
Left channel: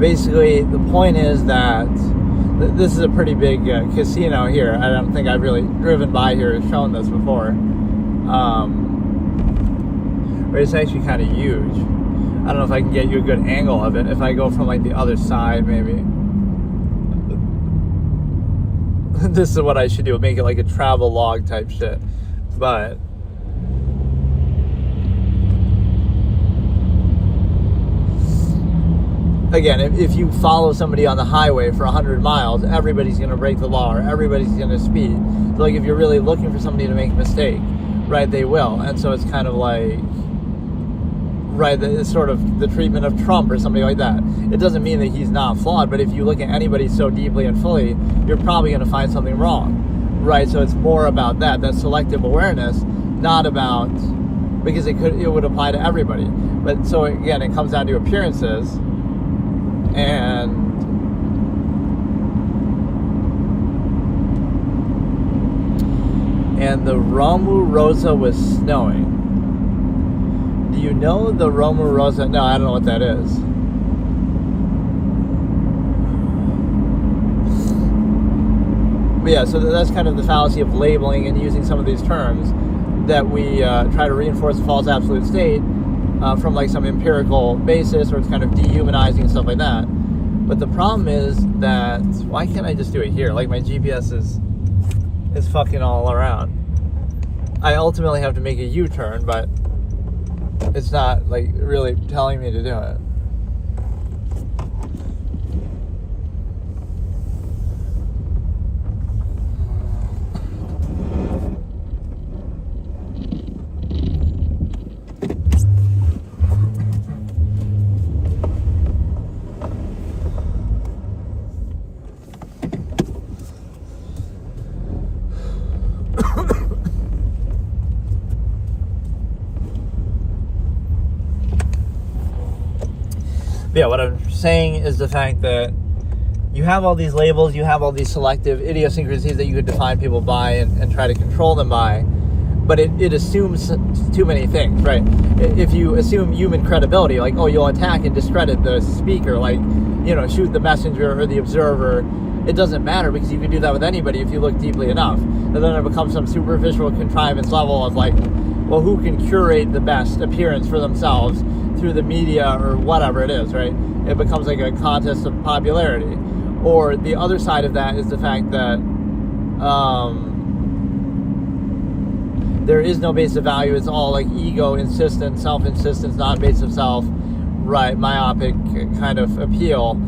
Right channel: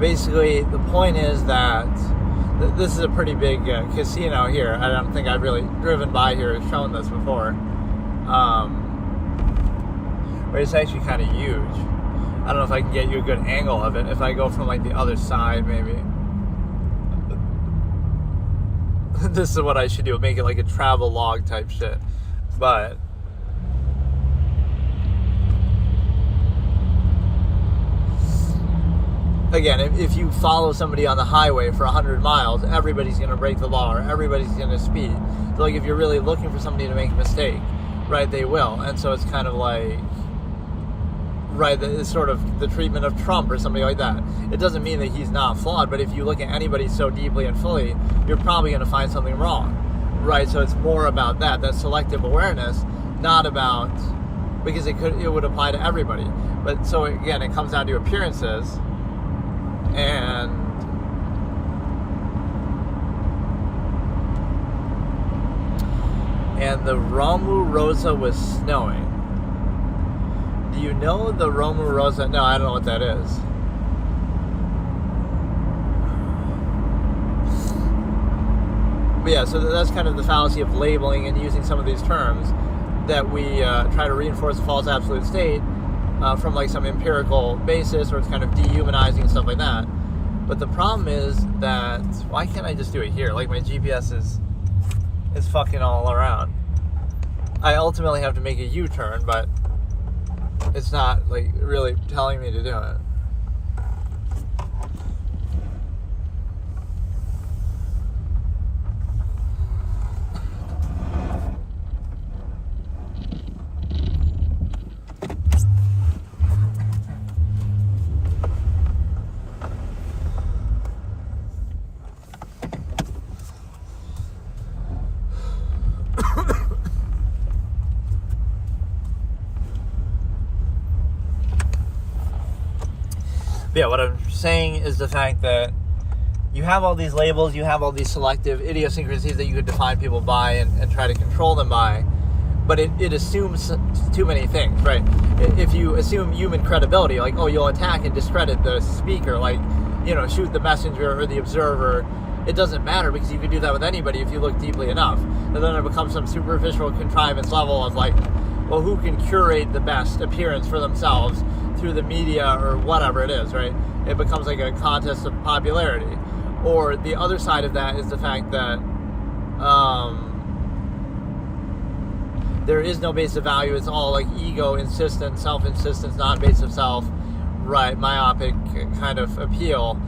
Basically, the point is that this is a pretty big casino here. I don't think I've really driven by here and shown this before. But it's actually kind of huge. I don't know if I can get you a good angle of it. If I go from like the other side, maybe. This is what I should do. Make it like a travel log type shit. But again, if you follow somebody on the highway for 100 miles, everybody's going to break the law or everybody's going to speed. So like if you're really looking for somebody to make a mistake, right, they will. And so it's kind of like, right, it's sort of the treatment of Trump or somebody like that. It doesn't mean that he's not flawed, but if you look at anybody so deeply and fully, you're probably going to find something wrong, right? So it's more about that selective awareness, not about, because it would apply to everybody. But so again, it comes down to appearances. And the Romurosa was snowing. Do you know the Romurosa? No, I don't know what that is. But yeah, so that's kind of the fallacy of labeling and using some of these terms that we try to reinforce a false absolute state from like some empirical basis, or it's kind of dehumanizing and stuff like that. But the problem is that, why can't I just do it here? Like my GPS is fucking all around. I ultimately have to make a U-turn, but it's not like really telling me to do it. Yeah, what I'm saying is the fact that you have all these labels, you have all these selective idiosyncrasies that you could define people by and try to control them by, but it assumes too many things, right? If you assume human credibility, like, oh, you'll attack and discredit the speaker, like, you know, shoot the messenger or the observer, it doesn't matter because you can do that with anybody if you look deeply enough. And then it becomes some superficial contrivance level of like, well, who can curate the best appearance for themselves through the media or whatever it is, right? It becomes like a contest of popularity. Or the other side of that is the fact that there is no base of value. It's all like ego insistence, self-insistence, not base of self, right? Myopic kind of appeal.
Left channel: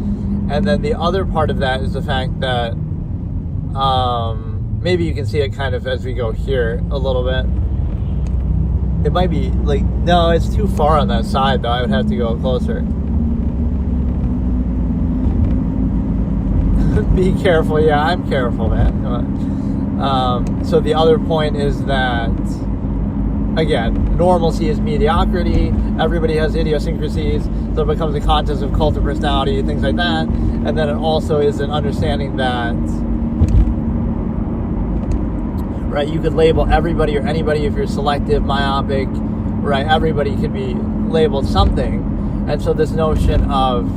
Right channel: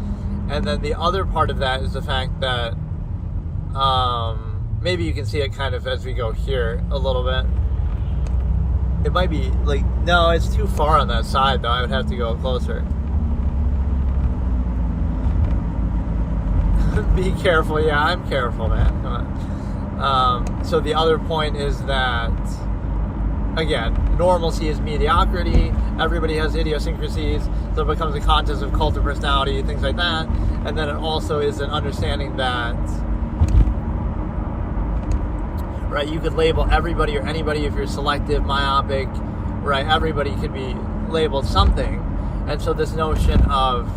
And then the other part of that is the fact that maybe you can see it kind of as we go here a little bit. It might be like, no, it's too far on that side though. I would have to go closer. Be careful. Yeah, I'm careful, man. So the other point is that, again, normalcy is mediocrity. Everybody has idiosyncrasies. So it becomes a contest of cult of personality, things like that. And then it also is an understanding that, right, you could label everybody or anybody if you're selective, myopic, right? Everybody could be labeled something. And so this notion of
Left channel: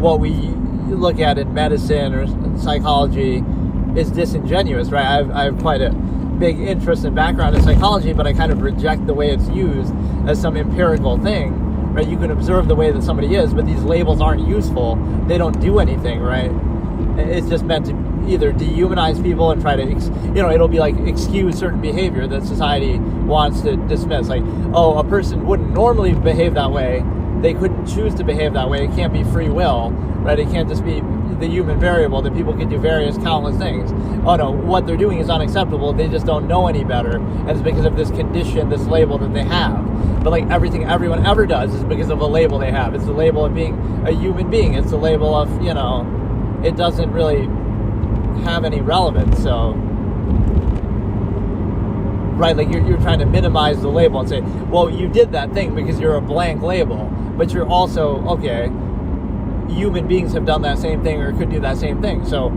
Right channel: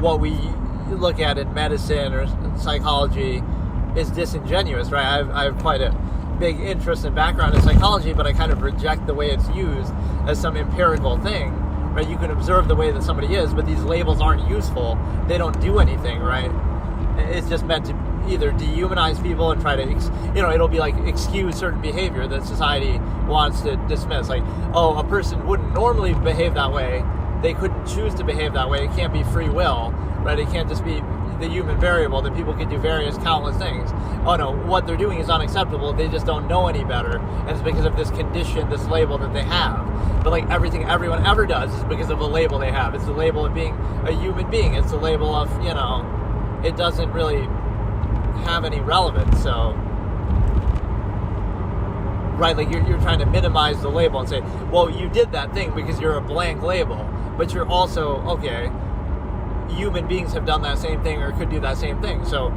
what we look at in medicine or psychology is disingenuous, right? I have quite a big interest and background in psychology, but I kind of reject the way it's used as some empirical thing, right? You can observe the way that somebody is, but these labels aren't useful. They don't do anything, right? It's just meant to either dehumanize people and try to, it'll be like excuse certain behavior that society wants to dismiss. Like, oh, a person wouldn't normally behave that way. They couldn't choose to behave that way. It can't be free will, right? It can't just be, the human variable, that people can do various countless things. Oh no, what they're doing is unacceptable, they just don't know any better, and it's because of this condition, this label that they have. But like everything everyone ever does is because of a label they have. It's the label of being a human being. It's the label of, it doesn't really have any relevance. So, right, like you're trying to minimize the label and say, well, you did that thing because you're a blank label, but you're also, okay, human beings have done that same thing or could do that same thing. So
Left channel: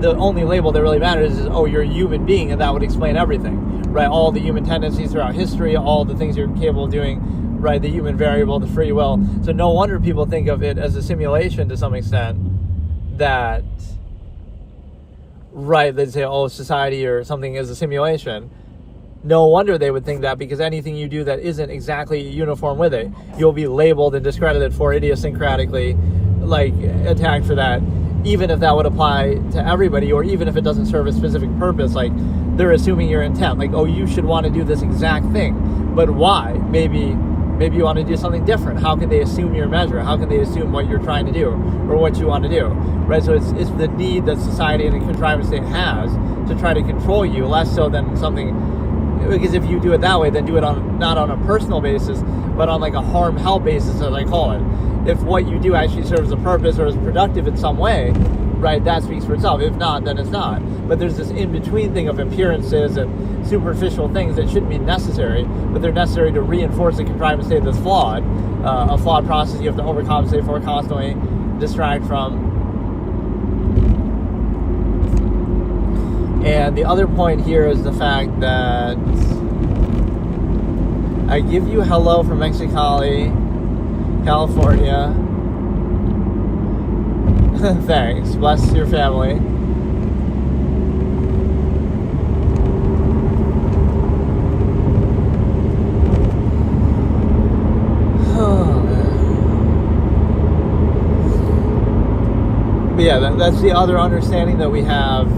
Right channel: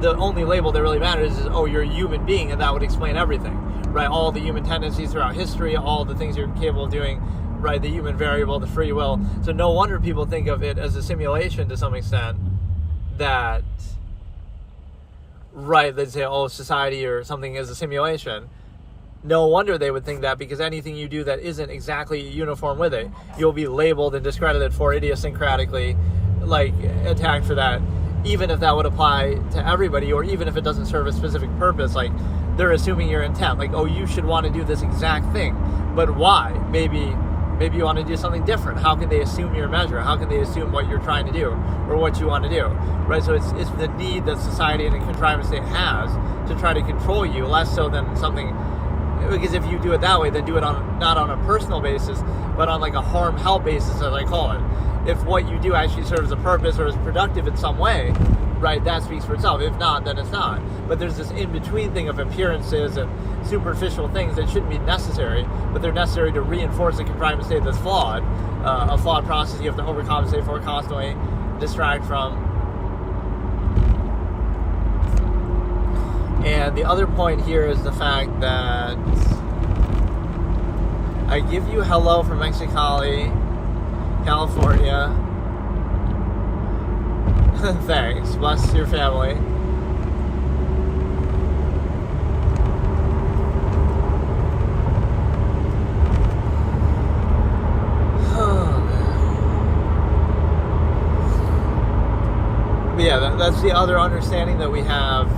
the only label that really matters is, oh, you're a human being, and that would explain everything, right? All the human tendencies throughout history, all the things you're capable of doing, right? The human variable, the free will. So no wonder people think of it as a simulation to some extent, that, right, they'd say, oh, society or something is a simulation. No wonder they would think that, because anything you do that isn't exactly uniform with it, you'll be labeled and discredited for, idiosyncratically, like, attacked for that. Even if that would apply to everybody, or even if it doesn't serve a specific purpose, like, they're assuming your intent. Like, oh, you should want to do this exact thing. But why? Maybe you want to do something different. How can they assume your measure? How can they assume what you're trying to do or what you want to do? Right? So it's the need that society and a contrivance state has to try to control you, less so than something. Because if you do it that way, then do it not on a personal basis, but on like a harm-help basis, as I call it. If what you do actually serves a purpose or is productive in some way, right, that speaks for itself. If not, then it's not. But there's this in-between thing of appearances and superficial things that shouldn't be necessary, but they're necessary to reinforce a contrivance state that's flawed, a flawed process you have to overcompensate for, constantly distract from. And the other point here is the fact that I give you hello from Mexicali, California. Thanks. Bless your family. But yeah, that's the other understanding that we have,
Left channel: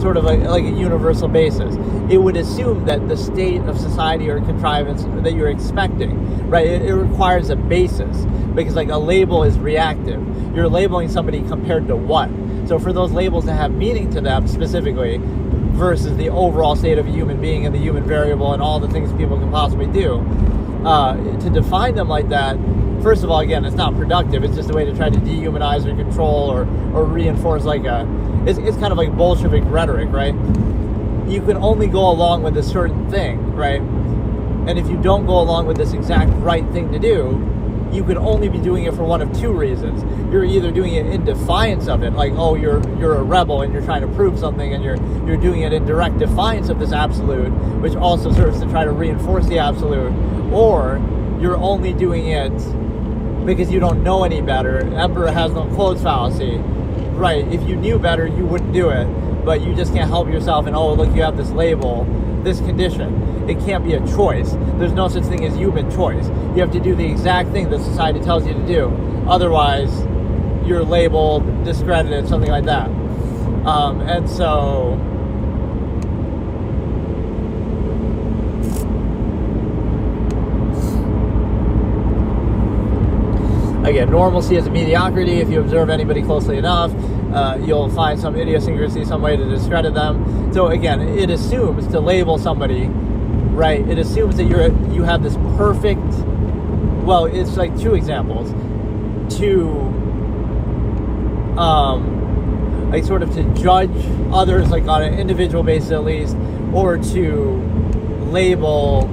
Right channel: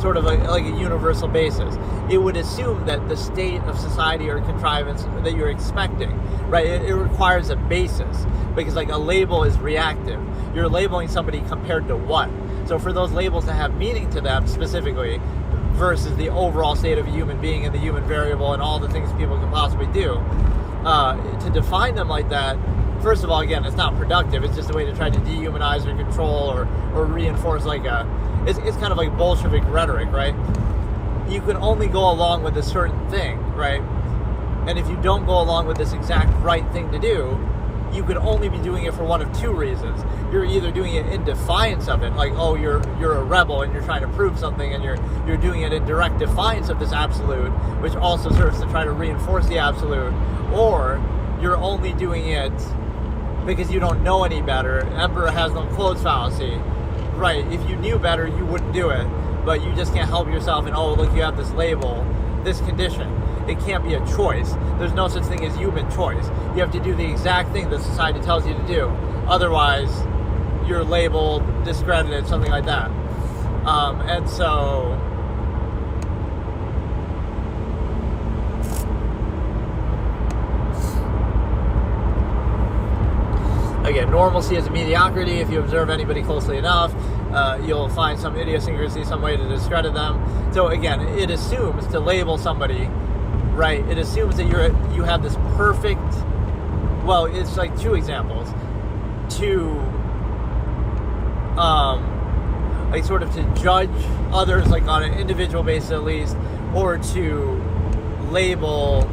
sort of like a universal basis. It would assume that the state of society or contrivance that you're expecting, right, it requires a basis, because like a label is reactive. You're labeling somebody compared to what? So for those labels to have meaning to them specifically versus the overall state of a human being and the human variable and all the things people can possibly do, to define them like that, first of all, again, it's not productive. It's just a way to try to dehumanize or control or reinforce like it's kind of like Bolshevik rhetoric, right? You can only go along with a certain thing, right? And if you don't go along with this exact right thing to do, you could only be doing it for one of two reasons. You're either doing it in defiance of it, like, oh, you're a rebel and you're trying to prove something, and you're doing it in direct defiance of this absolute, which also serves to try to reinforce the absolute, or you're only doing it because you don't know any better. Emperor has no clothes fallacy. Right, if you knew better, you wouldn't do it, but you just can't help yourself, and oh, look, you have this label, this condition. It can't be a choice. There's no such thing as human choice. You have to do the exact thing that society tells you to do. Otherwise, you're labeled, discredited, something like that. And so, again, normalcy is a mediocrity. If you observe anybody closely enough, you'll find some idiosyncrasy, some way to discredit them. So again, it assumes to label somebody, right? It assumes that you have this perfect. Well, it's like two examples. Like sort of to judge others, like on an individual basis at least, or to label.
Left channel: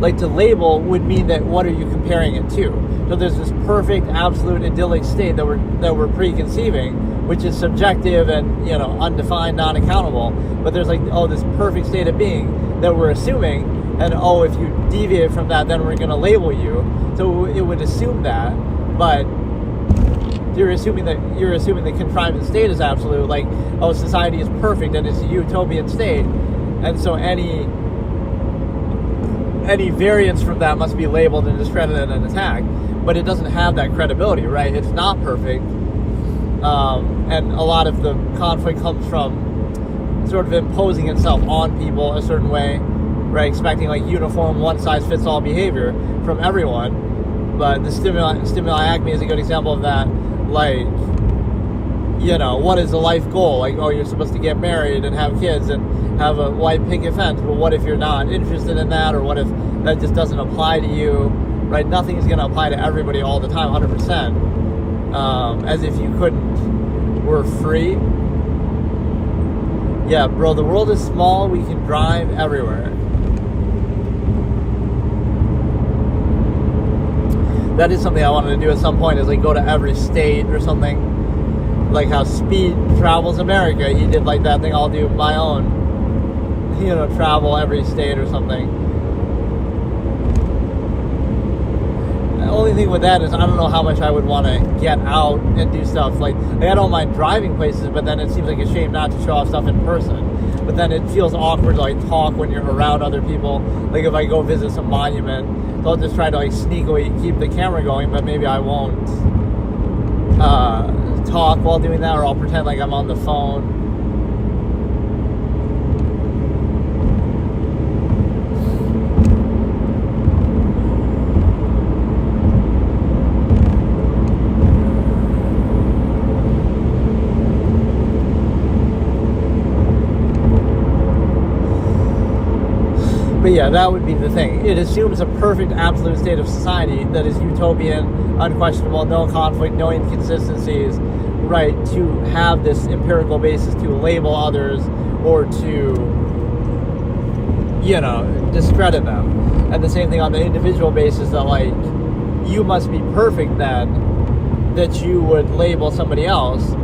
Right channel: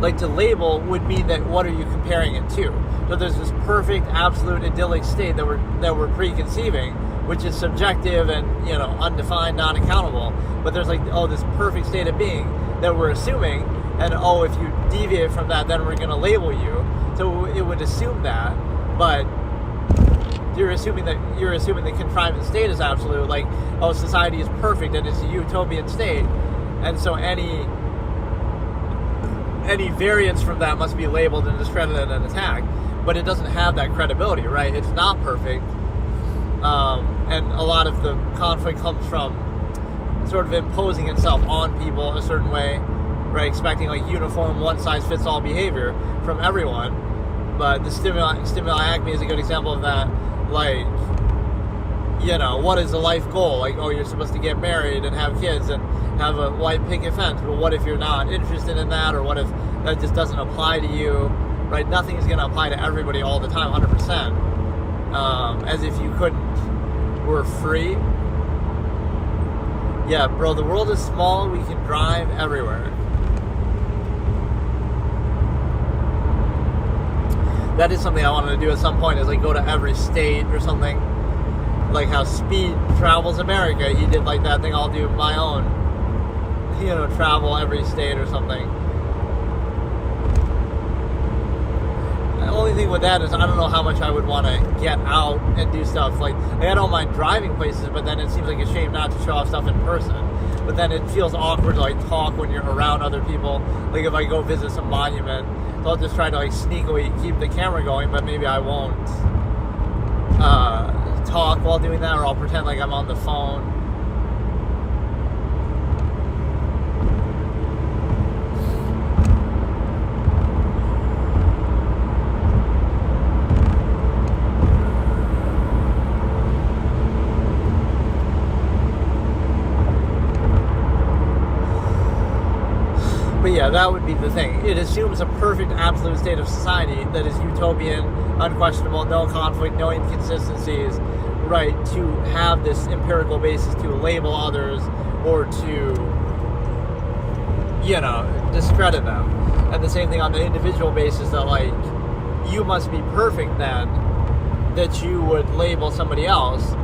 Like to label would mean that what are you comparing it to? So there's this perfect, absolute, idyllic state that we're preconceiving, which is subjective and undefined, non-accountable. But there's like, oh, this perfect state of being that we're assuming, and oh, if you deviate from that, then we're going to label you. So it would assume that, but you're assuming the contrivance state is absolute. Like, oh, society is perfect and it's a utopian state, and so any variance from that must be labeled and discredited and attacked. But it doesn't have that credibility, right? It's not perfect. And a lot of the conflict comes from sort of imposing itself on people a certain way, right? Expecting like uniform, one-size-fits-all behavior from everyone. But the stimuli acme is a good example of that. Like, what is the life goal? Like, oh, you're supposed to get married and have kids and have a white picket fence. But what if you're not interested in that? Or what if that just doesn't apply to you? Right? Nothing is going to apply to everybody all the time, 100%. As if you couldn't. We're free. Yeah, bro, the world is small. We can drive everywhere. That is something I wanted to do at some point, is like go to every state or something. Like how Speed travels America. He did like that thing. I'll do my own, travel every state or something. The only thing with that is I don't know how much I would want to get out and do stuff. Like I don't mind driving places, but then it seems like a shame not to show off stuff in person. But then it feels awkward to like talk when you're around other people. Like if I go visit some monument, so I'll just try to like sneakily keep the camera going, but maybe I won't talk while doing that, or I'll pretend like I'm on the phone. But yeah, that would be the thing. It assumes a perfect absolute state of society that is utopian, unquestionable, no conflict, no inconsistencies, right, to have this empirical basis to label others or to, discredit them. And the same thing on the individual basis, that like, you must be perfect then, that you would label somebody else.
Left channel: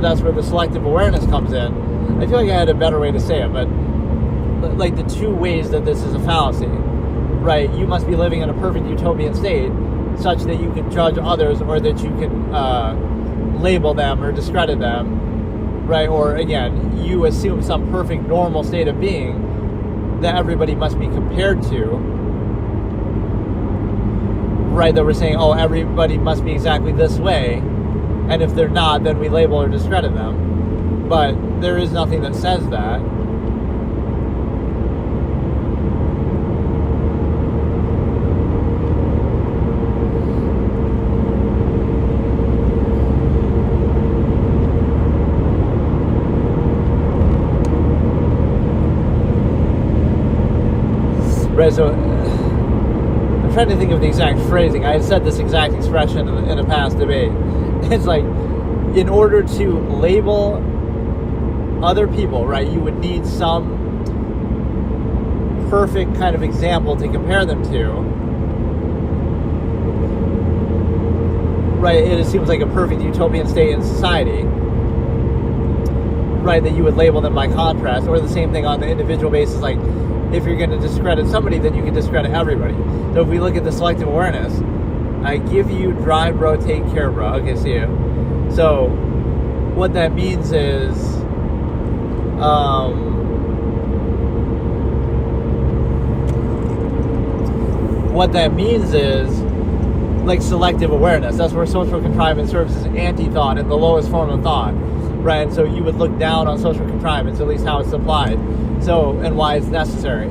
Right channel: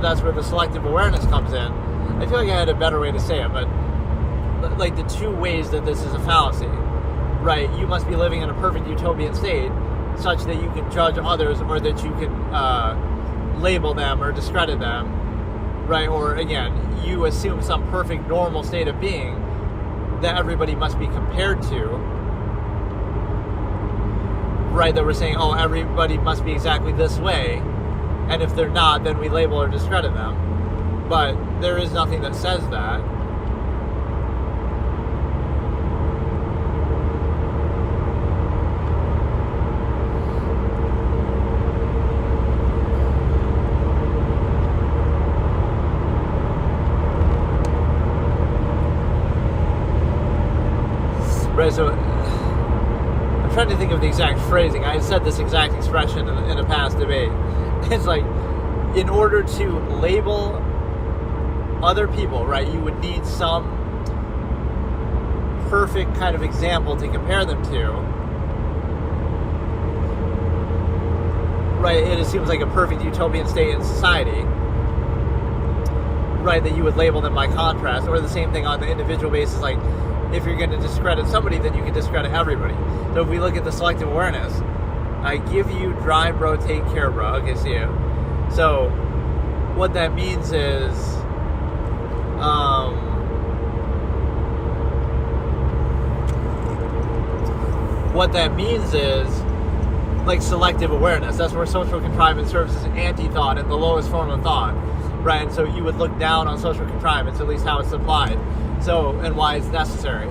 That's where the selective awareness comes in. I feel like I had a better way to say it, but like the two ways that this is a fallacy, right? You must be living in a perfect utopian state such that you can judge others, or that you can label them or discredit them, right? Or again, you assume some perfect normal state of being that everybody must be compared to, right? That we're saying, oh, everybody must be exactly this way, and if they're not, then we label or discredit them. But there is nothing that says that. Right, so I'm trying to think of the exact phrasing. I had said this exact expression in a past debate. It's like, in order to label other people, right, you would need some perfect kind of example to compare them to. Right, it seems like a perfect utopian state in society. Right, that you would label them by contrast, or the same thing on the individual basis, like, if you're going to discredit somebody, then you can discredit everybody. So if we look at the selective awareness, I give you drive, bro, take care, bro. Okay, see you. So what that means is, like selective awareness. That's where social contrivance serves as anti-thought and the lowest form of thought, right? And so you would look down on social contrivance, at least how it's applied. So, and why it's necessary,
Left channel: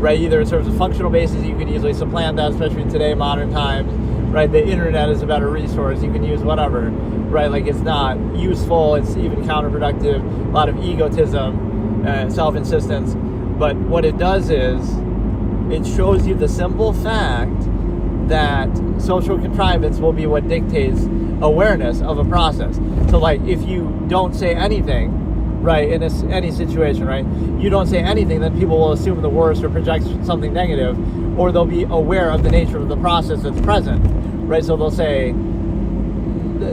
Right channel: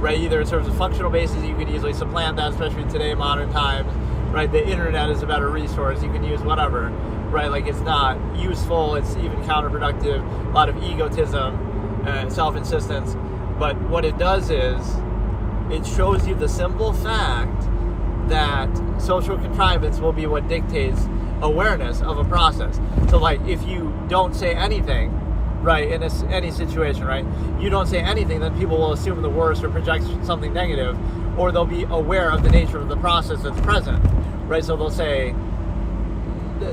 right? Either in terms of functional basis, you could easily supplant that, especially today, modern times, right? The internet is a better resource. You can use whatever, right? Like, it's not useful. It's even counterproductive. A lot of egotism, self-insistence. But what it does is, it shows you the simple fact that social contrivance will be what dictates awareness of a process. So, like, if you don't say anything, right, in any situation, right, you don't say anything, then people will assume the worst or project something negative, or they'll be aware of the nature of the process that's present, right? So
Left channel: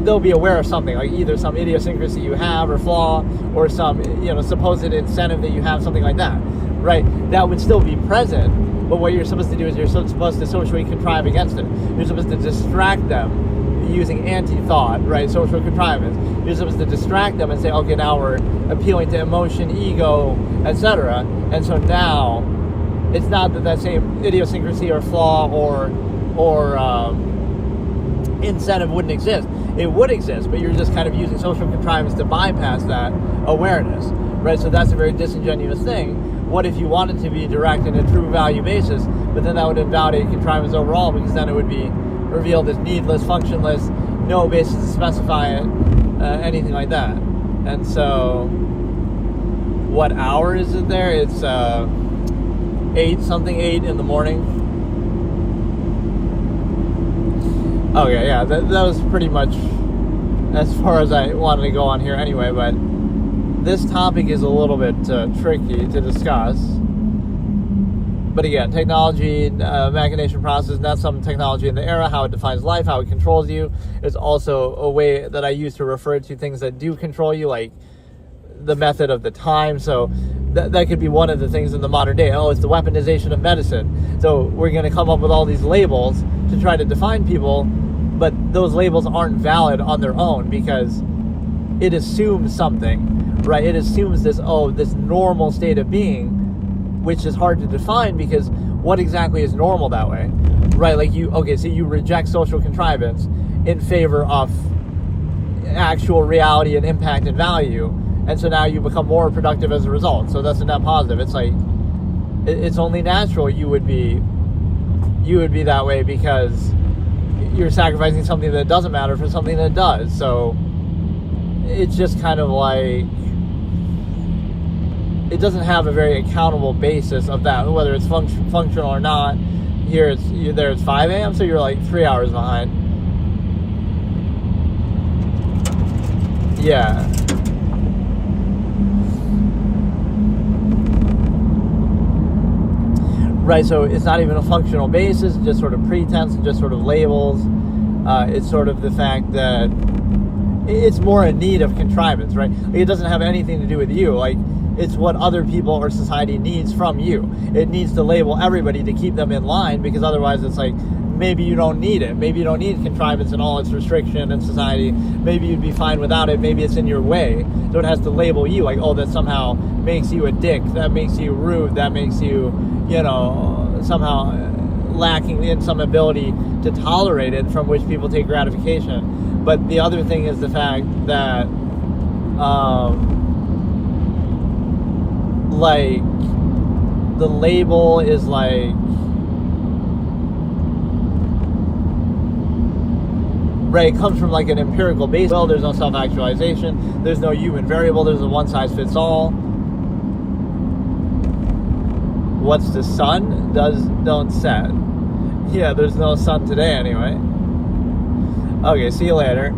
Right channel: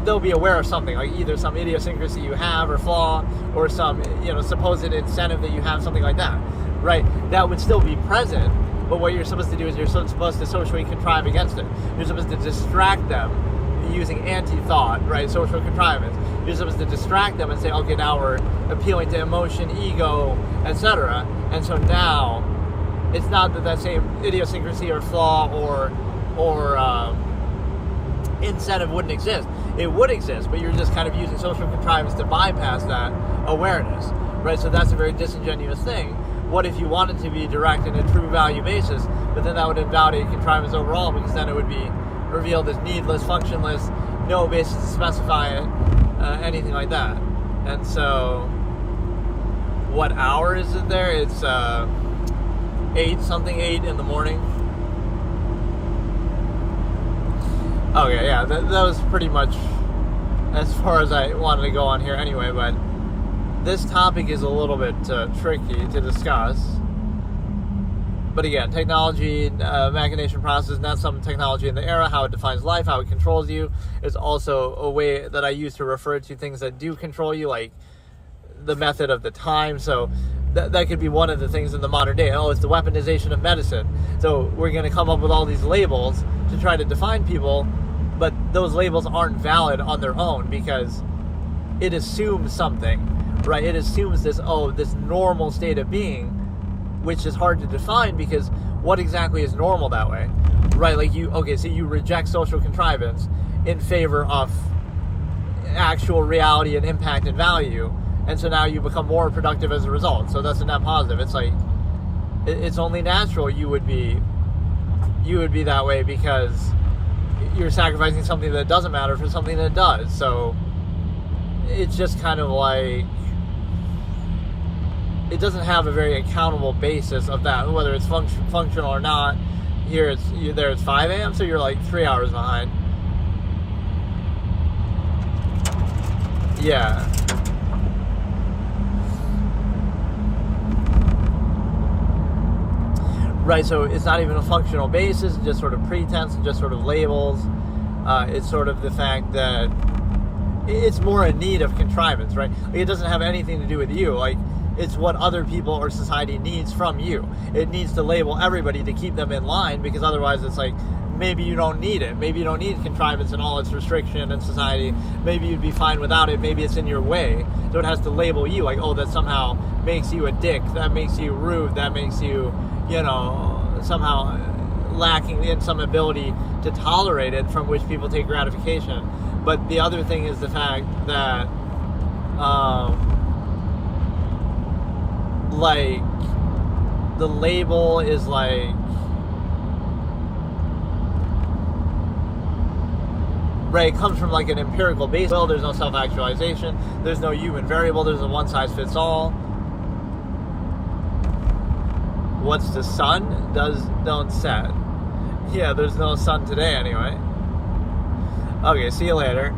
they'll be aware of something, like either some idiosyncrasy you have or flaw, or some, supposed incentive that you have, something like that, right? That would still be present, but what you're supposed to do is you're supposed to socially contrive against it. You're supposed to distract them using anti-thought, right, social contrivance. You're supposed to distract them and say, okay, now we're appealing to emotion, ego, etc. And so now, it's not that same idiosyncrasy or flaw or incentive wouldn't exist. It would exist, but you're just kind of using social contrivance to bypass that awareness, right? So that's a very disingenuous thing. what if you wanted to be direct in a true value basis, but then that would invalidate contrivance overall, because then it would be revealed as needless, functionless, no basis to specify it, anything like that. And so, what hour is it there? It's 8 in the morning. Okay, yeah, that was pretty much as far as I wanted to go on here anyway, but this topic is a little bit tricky to discuss. But again, technology, machination process, that's some technology in the era, how it defines life, how it controls you. It's also a way that I use to refer to things that do control you, like the method of the time. So that could be one of the things in the modern day. Oh, it's the weaponization of medicine. So we're going to come up with all these labels to try to define people, but those labels aren't valid on their own because it assumes something, right? It assumes this normal state of being, which is hard to define because what exactly is normal that way, right? Like so you reject social contrivance in favor of actual reality and impact and value, and so now you become more productive as a result. So that's a net positive. It's like, it's only natural you would be that way because you're sacrificing something that doesn't matter for something that does. So it's just kind of like, it doesn't have a very accountable basis of that, whether it's functional or not. Here it's 5 a.m., so you're like 3 hours behind. Yeah. Right, so it's not even a functional basis, just sort of pretense, just sort of labels. It's sort of the fact that it's more a need of contrivance, right? Like, it doesn't have anything to do with you. Like, it's what other people or society needs from you. It needs to label everybody to keep them in line, because otherwise it's like, maybe you don't need it. Maybe you don't need contrivance and all its restriction in society. Maybe you'd be fine without it. Maybe it's in your way. So it has to label you like, oh, that somehow makes you a dick. That makes you rude. That makes you, somehow lacking in some ability to tolerate it, from which people take gratification. But the other thing is the fact that, like, the label is like, right, it comes from like an empirical base. Well, there's no self-actualization, there's no human variable, there's a one-size-fits-all. What's the sun? Don't set. Yeah, there's no sun today anyway. Okay, see you later.